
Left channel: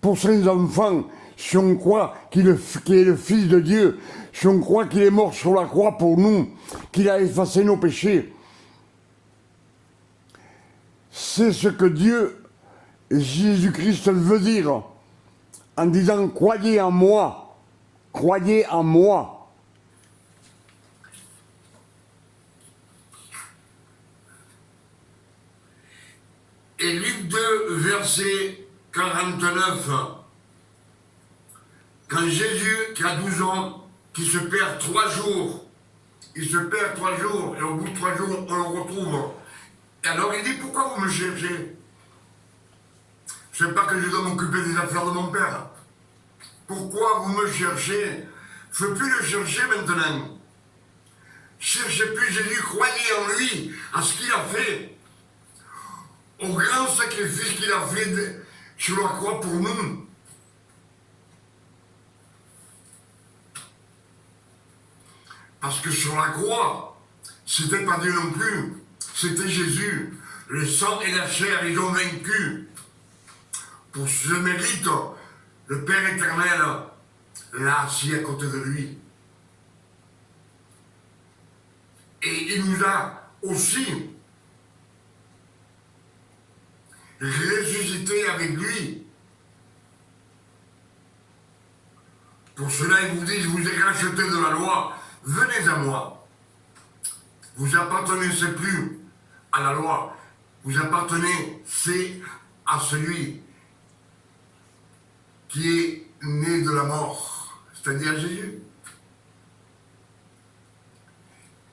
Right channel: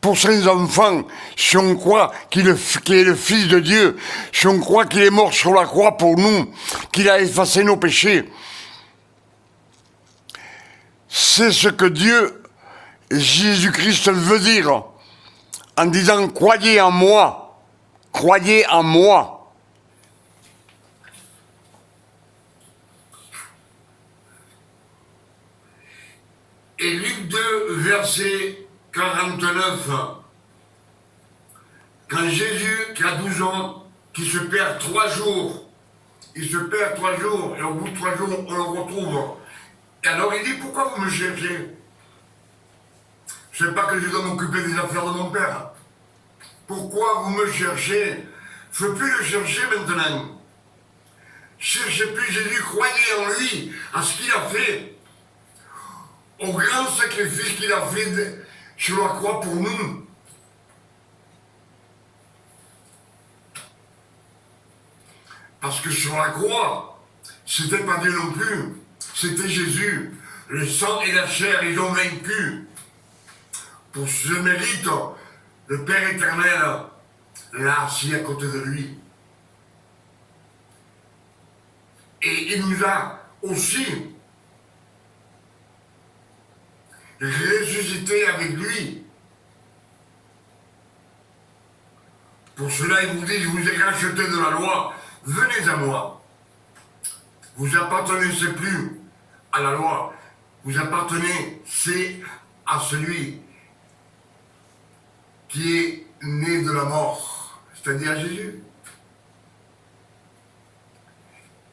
pour ses enfants, si on croit qu'il est le Fils de Dieu, si on croit qu'il est mort sur la croix pour nous, qu'il a effacé nos péchés. C'est ce que Dieu, Jésus-Christ veut dire en disant « Croyez en moi, croyez en moi ». Et Luc 2, verset 49, quand Jésus, qui a 12 ans, qui se perd 3 jours, il se perd 3 jours, et au bout de 3 jours, on le retrouve. Et alors il dit, pourquoi vous me cherchez? Je ne sais pas que je dois m'occuper des affaires de mon père. Pourquoi vous me cherchez? Je ne veux plus le chercher maintenant. Cherchez plus Jésus, croyez en lui, à ce qu'il a fait, au grand sacrifice qu'il a fait sur la croix pour nous. Parce que sur la croix, c'était pas Dieu non plus, c'était Jésus. Le sang et la chair, ils ont vaincu. Pour ce mérite, le Père éternel l'a assis à côté de lui. Et il nous a aussi ressuscité avec lui. Pour cela, il vous dit, je vous ai racheté de la loi, venez à moi. Vous appartenez plus à la loi, vous appartenez à celui qui est né de la mort, c'est-à-dire Jésus.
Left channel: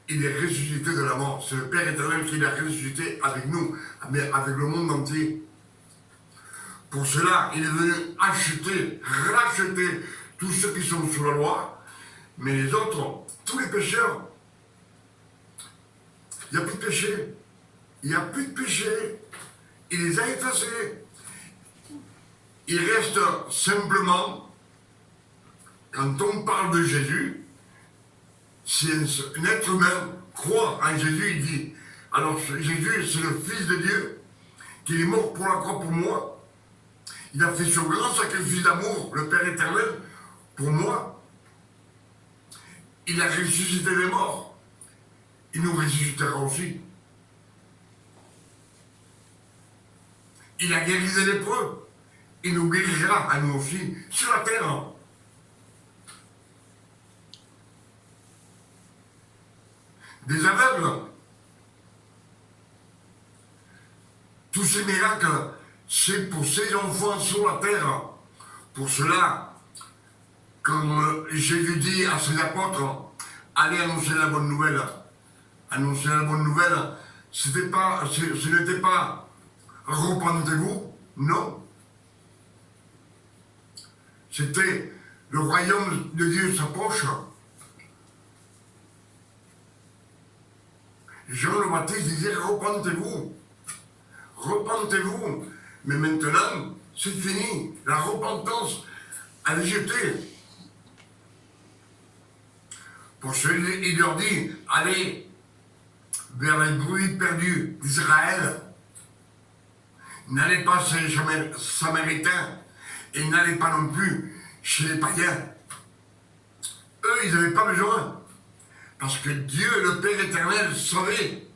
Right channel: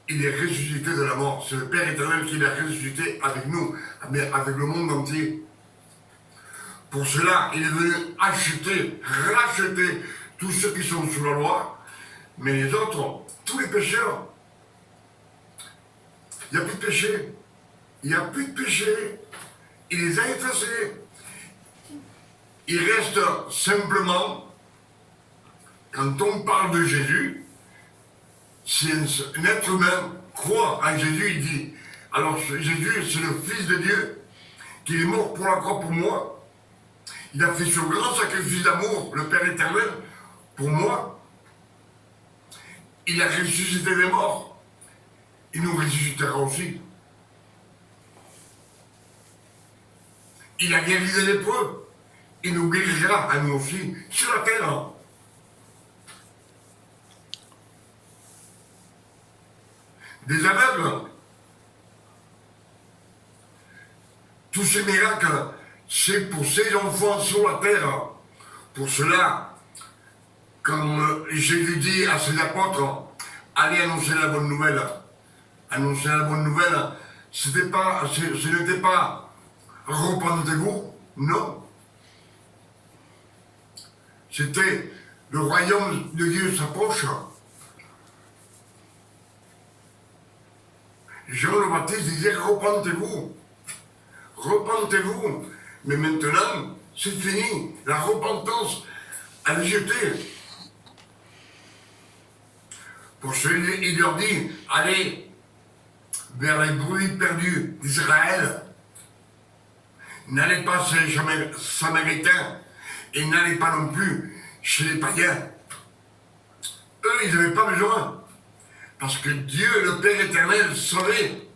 Il est ressuscité de la mort. C'est le Père éternel qui l'a ressuscité avec nous, avec le monde entier. Pour cela, il est venu racheter tous ceux qui sont sous la loi, mais les autres, tous les pécheurs. Il n'y a plus de péché. Il n'y a plus de péché. Il les a effacés. Il reste simplement, quand on parle de Jésus, si un être humain croit en Jésus, il dit, alors Jésus, c'est le Fils de Dieu, qui est mort pour la croix pour moi. Il a fait ce grand sacrifice d'amour, le Père éternel, pour moi. Il a ressuscité les morts. Il nous ressuscitera aussi. Il a guéri les lépreux. Il nous guérira à nous aussi sur la terre. Des aveugles. Tous ces miracles, c'est pour ces enfants sur la terre. Pour cela, comme Jésus dit à ses apôtres, allez annoncer la bonne nouvelle. Annoncer la bonne nouvelle, ce n'était pas repentez-vous, non. C'était le royaume de Dieu s'approche. Jean le Baptiste disait repentez-vous, repentez-vous. Mais maintenant, c'est fini. La repentance, elle est jetée. Pour cela, il leur dit, allez vers les bruits perdus d'Israël. N'allez pas chez les Samaritains et n'allez pas non plus chez les païens. Eux, ils n'avaient pas besoin. Parce que Dieu, le Père éternel, savait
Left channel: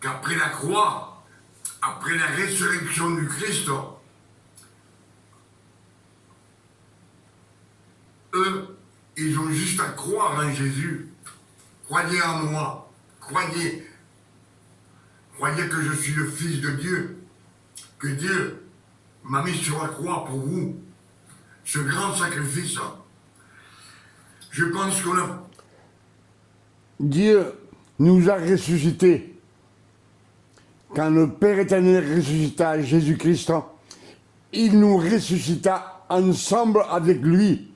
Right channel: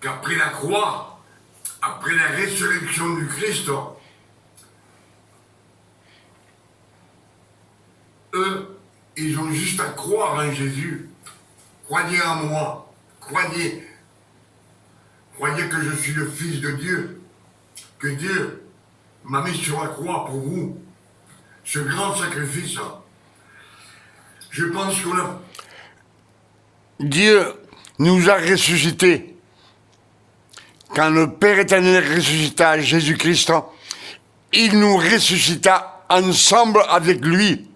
qu'après la croix, après la résurrection du Christ, eux, ils ont juste à croire en Jésus. Croyez en moi. Croyez. Croyez que je suis le Fils de Dieu. Que Dieu m'a mis sur la croix pour vous. Ce grand sacrifice. Je pense qu'on a... Dieu nous a ressuscités. Quand le Père éternel ressuscita Jésus-Christ, il nous ressuscita ensemble avec lui.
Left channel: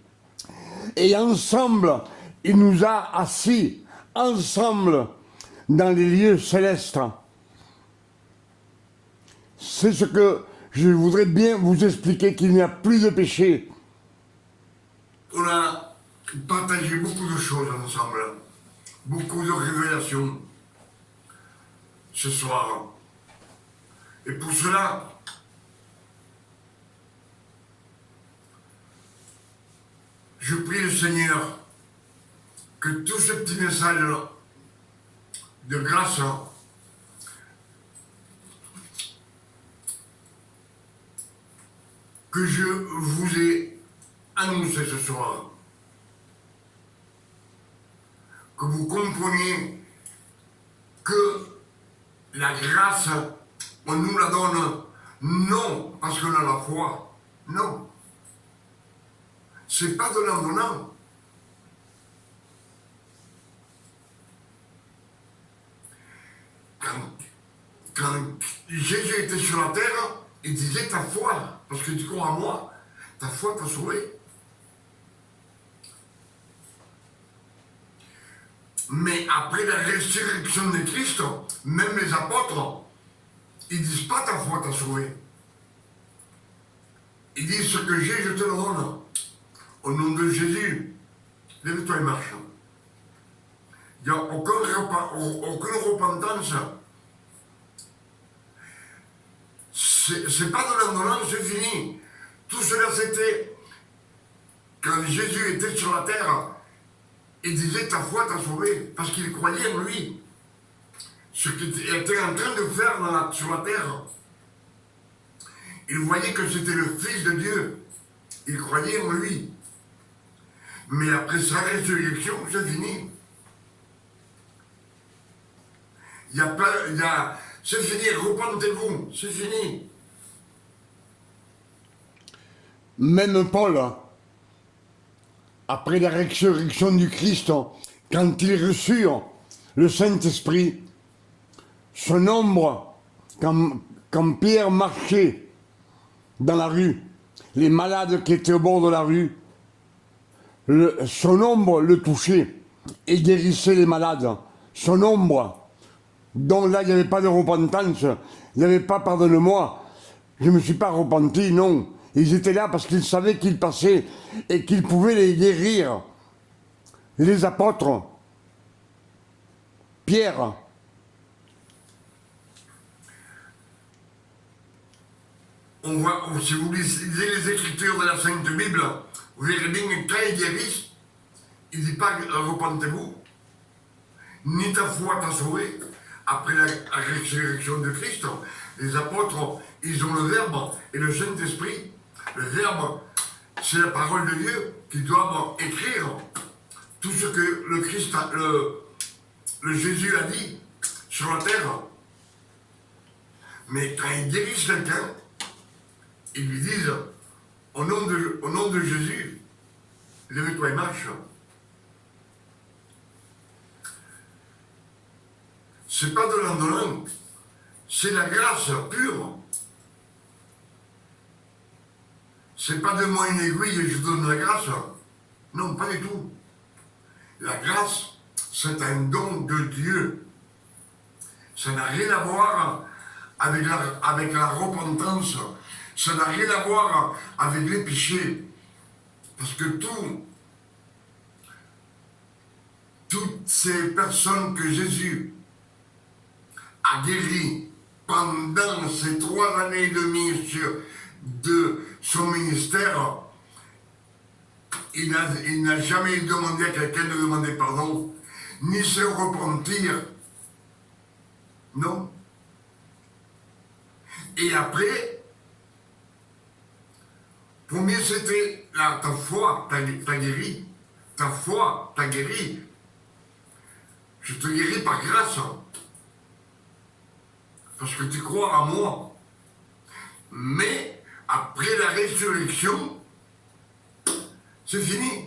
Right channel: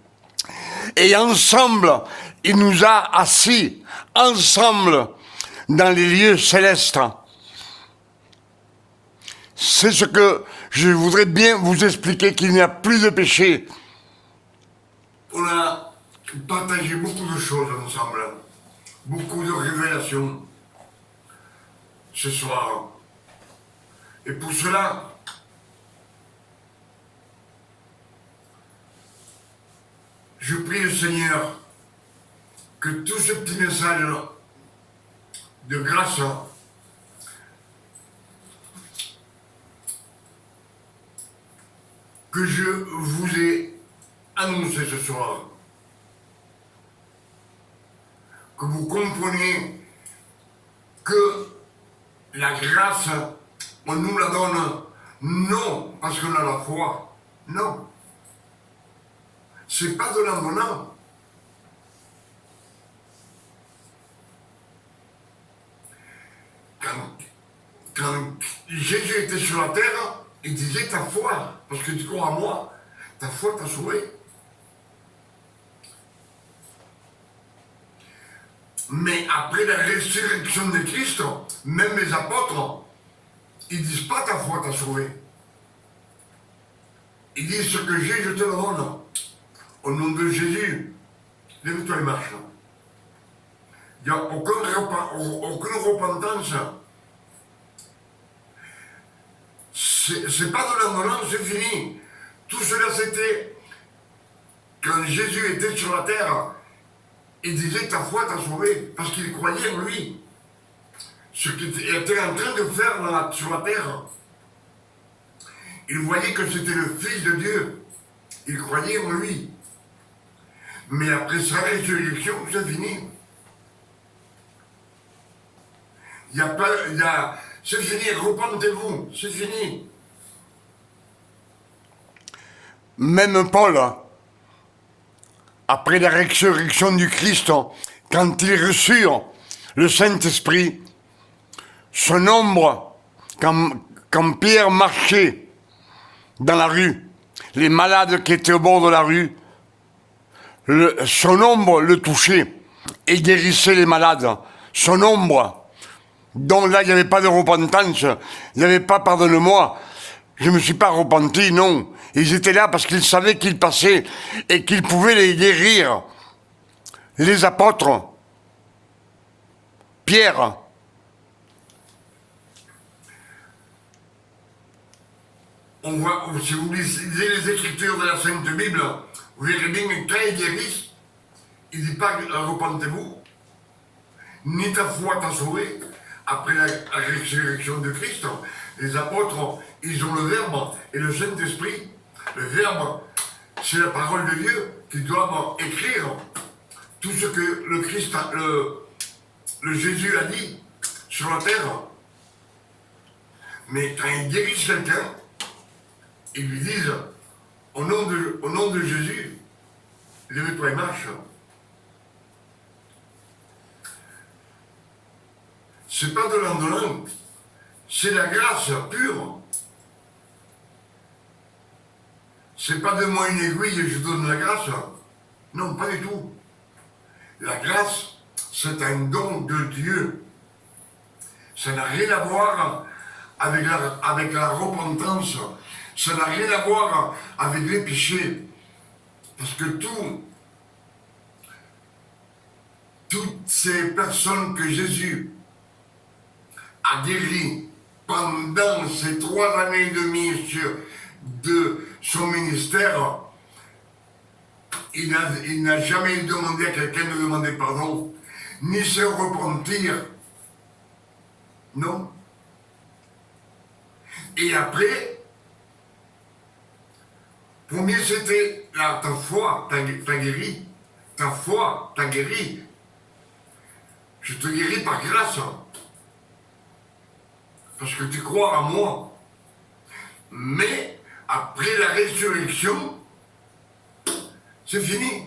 Et ensemble, il nous a assis, ensemble, dans les lieux célestes. C'est ce que je voudrais bien vous expliquer, qu'il n'y a plus de péché. On a partagé beaucoup de choses ensemble, beaucoup de révélations ce soir. Et pour cela, je prie le Seigneur que tout ce petit message de grâce que je vous ai annoncé ce soir, que vous compreniez que la grâce, on nous la donne non parce qu'on a la foi, non. C'est pas de l'en-donnant. Quand Jésus était sur la terre, il disait ta foi, parce que tu crois en moi, ta foi t'a sauvé. Mais après la résurrection de Christ, même les apôtres, ils disent pas ta foi t'a sauvé. Ils disent ce que j'ai, je te le donne. Au nom de Jésus, lève-toi et marche. Il n'y a aucune repentance. C'est pas de l'indolence, c'est fini. Tout cela, c'était quand Jésus était sur la terre. Il disait ta foi t'a sauvé, parce qu'il croyait en lui. Ce qu'il était en train de faire sur la terre. Il voyait que c'était le Fils de Dieu. Il croyait en lui. Mais après sa résurrection, c'est fini. C'est fini, repentez-vous, c'est fini. Même Paul, après la résurrection du Christ, quand il reçut le Saint-Esprit, son ombre, quand Pierre marchait dans la rue, les malades qui étaient au bord de la rue, son ombre le touchait et guérissait les malades. Son ombre. Donc là, il n'y avait pas de repentance, il n'y avait pas pardonne-moi. Je ne me suis pas repenti, non. Ils étaient là parce qu'ils savaient qu'ils passaient et qu'ils pouvaient les guérir. Les apôtres, Pierre. On voit, si vous lisez les Écritures de la Sainte Bible, vous verrez bien que quand ils guérissent, il ne dit pas repentez-vous, ni ta foi t'a sauvé. Après la résurrection de Christ, les apôtres, ils ont le Verbe et le Saint-Esprit. Le Verbe, c'est la parole de Dieu qui doivent écrire tout ce que le Christ, le Jésus a dit sur la terre. Mais quand ils guérissent quelqu'un, ils lui disent, au nom de Jésus, lève-toi et marche. C'est pas de l'indolent, c'est la grâce pure. C'est pas de moi une aiguille et je donne la grâce. Non, pas du tout. La grâce, c'est un don de Dieu. Ça n'a rien à voir avec la repentance. Ça n'a rien à voir avec les péchés. Parce que toutes ces personnes que Jésus a guéries pendant ces 3 années et demie de son ministère, il n'a jamais demandé à quelqu'un de demander pardon, ni se repentir. Non. Et après, premier c'était ta foi t'a guéri. Ta foi t'a guéri. Je te guéris par grâce. Parce que tu crois en moi. Mais après la résurrection, c'est fini.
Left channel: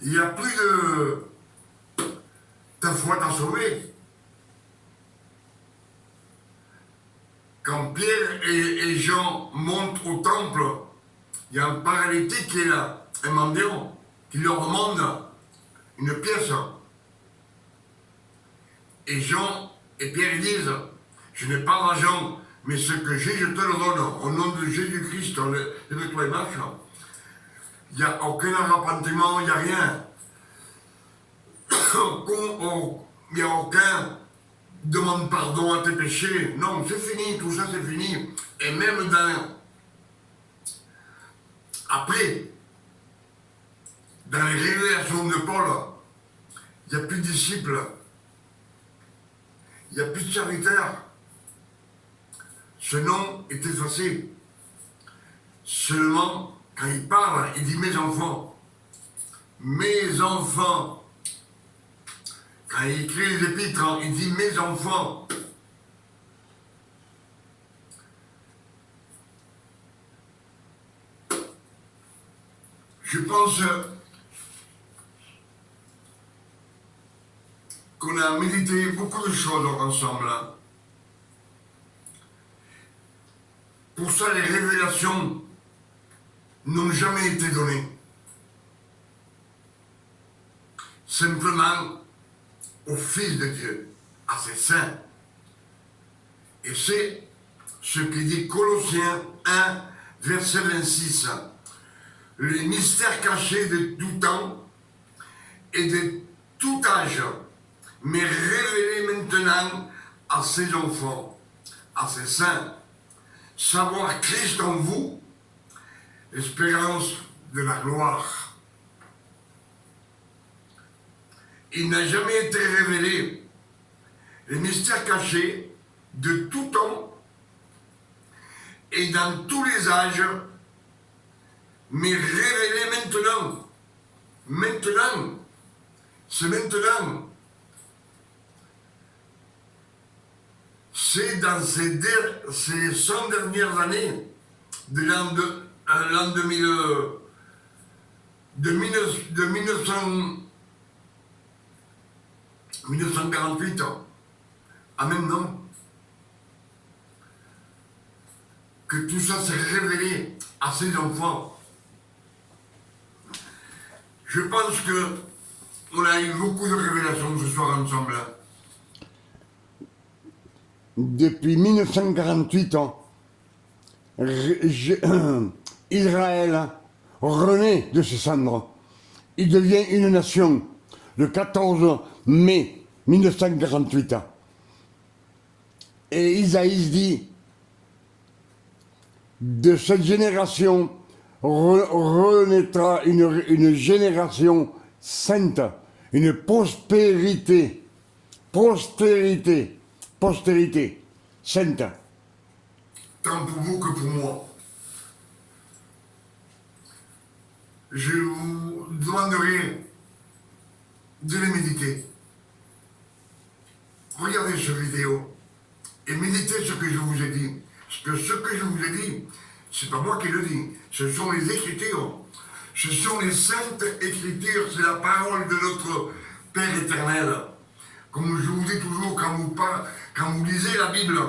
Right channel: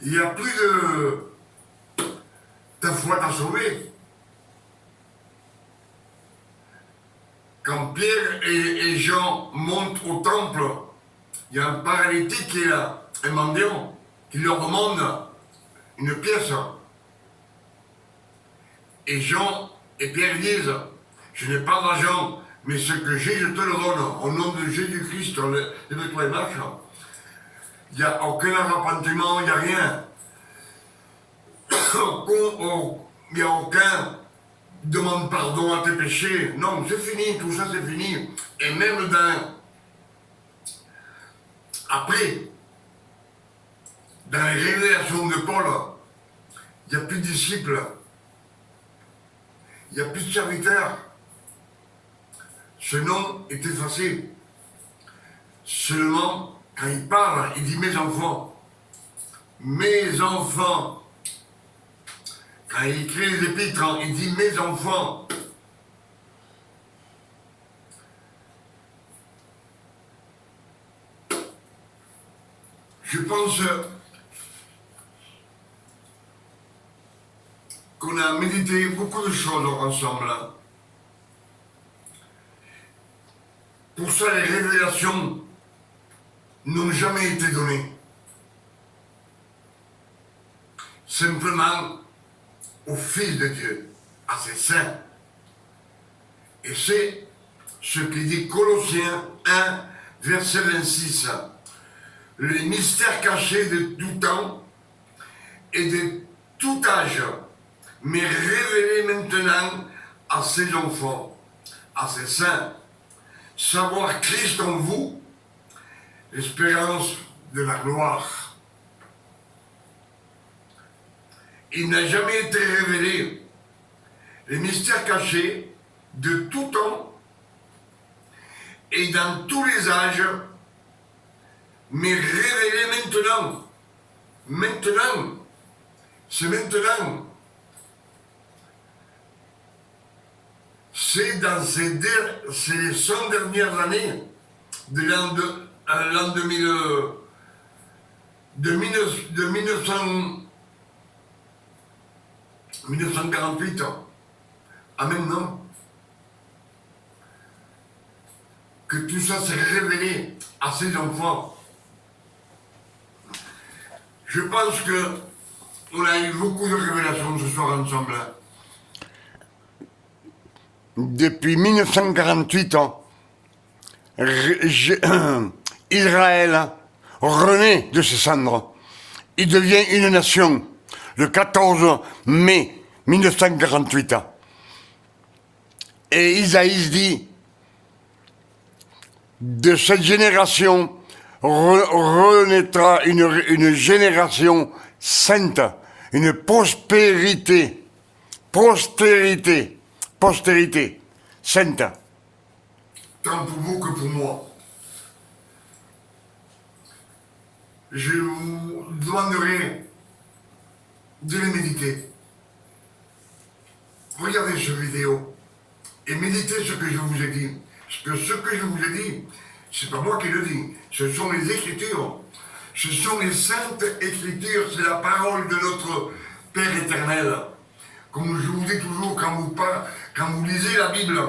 Il n'y a plus de... Ta foi t'a sauvé. Quand Pierre et Jean montent au temple, il y a un paralytique qui est là, un mendiant, qui leur demande une pièce. Et Jean et Pierre disent, je n'ai pas d'argent, mais ce que j'ai, je te le donne. Au nom de Jésus-Christ, lève-toi et marche. Il n'y a aucun arrepentiment, il n'y a rien. Il n'y a aucun demande pardon à tes péchés. Non, c'est fini, tout ça c'est fini. Et même après, dans les révélations de Paul, il n'y a plus de disciples. Il n'y a plus de serviteurs. Ce nom est effacé. Seulement, quand il parle, il dit mes enfants. Mes enfants. Quand il écrit les épîtres, il dit mes enfants. Je pense qu'on a médité beaucoup de choses ensemble. Pour ça, les révélations n'ont jamais été données. Simplement au Fils de Dieu, à ses saints. Et c'est ce qui dit Colossiens 1, verset 26. Les mystères cachés de tout temps et de tout âge, mais révélés maintenant à ses enfants, à ses saints. Savoir Christ en vous, l'espérance de la gloire. Il n'a jamais été révélé les mystères cachés de tout temps et dans tous les âges, mais révélés maintenant. Maintenant. C'est maintenant. C'est dans ces 100 dernières années de l'an 1948 à maintenant que tout ça s'est révélé à ses enfants. Je pense qu'on a eu beaucoup de révélations ce soir ensemble. Depuis 1948, Israël renaît de ses cendres. Il devient une nation le 14 mai 1948. Et Isaïe dit, de cette génération renaîtra une génération sainte, une postérité sainte. tant pour vous que pour moi. Je vous demanderai de les méditer. Regardez cette vidéo et méditez ce que je vous ai dit. Parce que ce que je vous ai dit, c'est pas moi qui le dis, ce sont les Écritures. Ce sont les saintes Écritures, c'est la parole de notre Père éternel. Comme je vous dis toujours, quand vous lisez la Bible,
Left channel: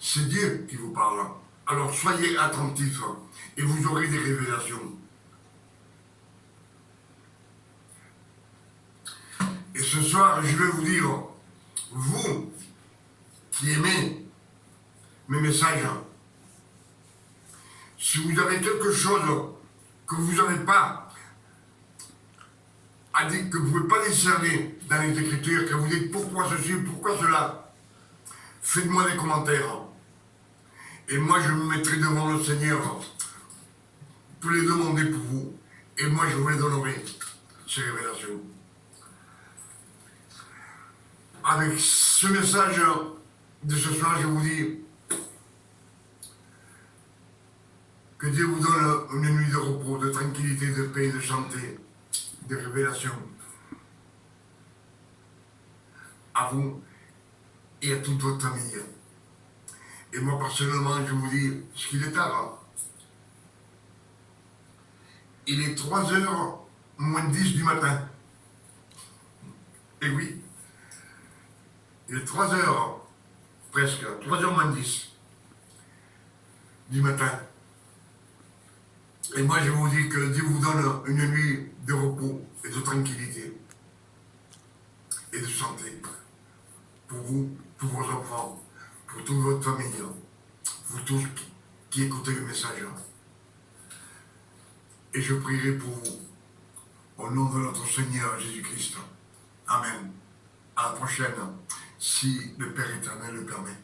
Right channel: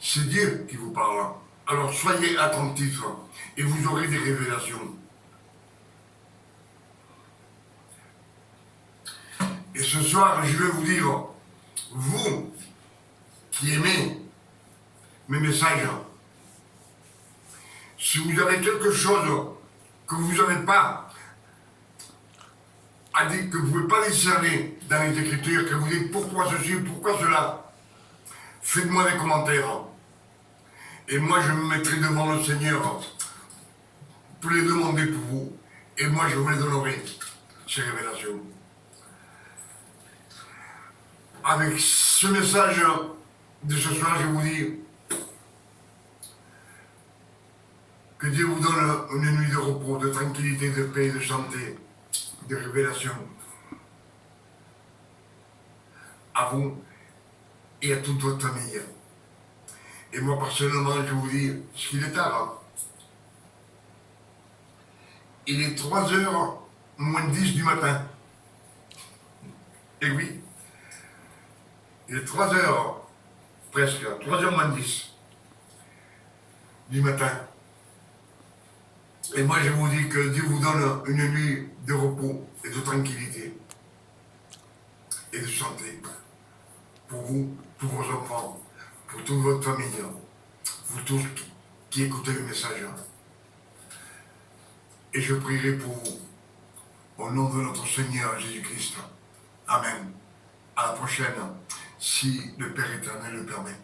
c'est Dieu qui vous parle. Alors soyez attentifs et vous aurez des révélations. Et ce soir, je vais vous dire, vous qui aimez mes messages, si vous avez quelque chose que vous n'avez pas, que vous ne pouvez pas discerner dans les Écritures, que vous dites pourquoi ceci, pourquoi cela, faites-moi des commentaires. Et moi, je me mettrai devant le Seigneur pour les demander pour vous. Et moi, je vous les donnerai, ces révélations. Avec ce message de ce soir, je vous dis que Dieu vous donne une nuit de repos, de tranquillité, de paix, de santé, de révélation. À vous et à toute votre famille. Et moi, personnellement, je vous dis, parce qu'il est tard. Il est 3h moins 10 du matin. Et oui, il est 3h, presque, 3h moins 10 du matin. Et moi, je vous dis que Dieu vous donne une nuit de repos et de tranquillité et de santé pour vous, pour vos enfants, pour toute votre famille, vous tous qui écoutez le message. Et je prierai pour vous, au nom de notre Seigneur Jésus-Christ. Amen. À la prochaine, si le Père éternel le permet.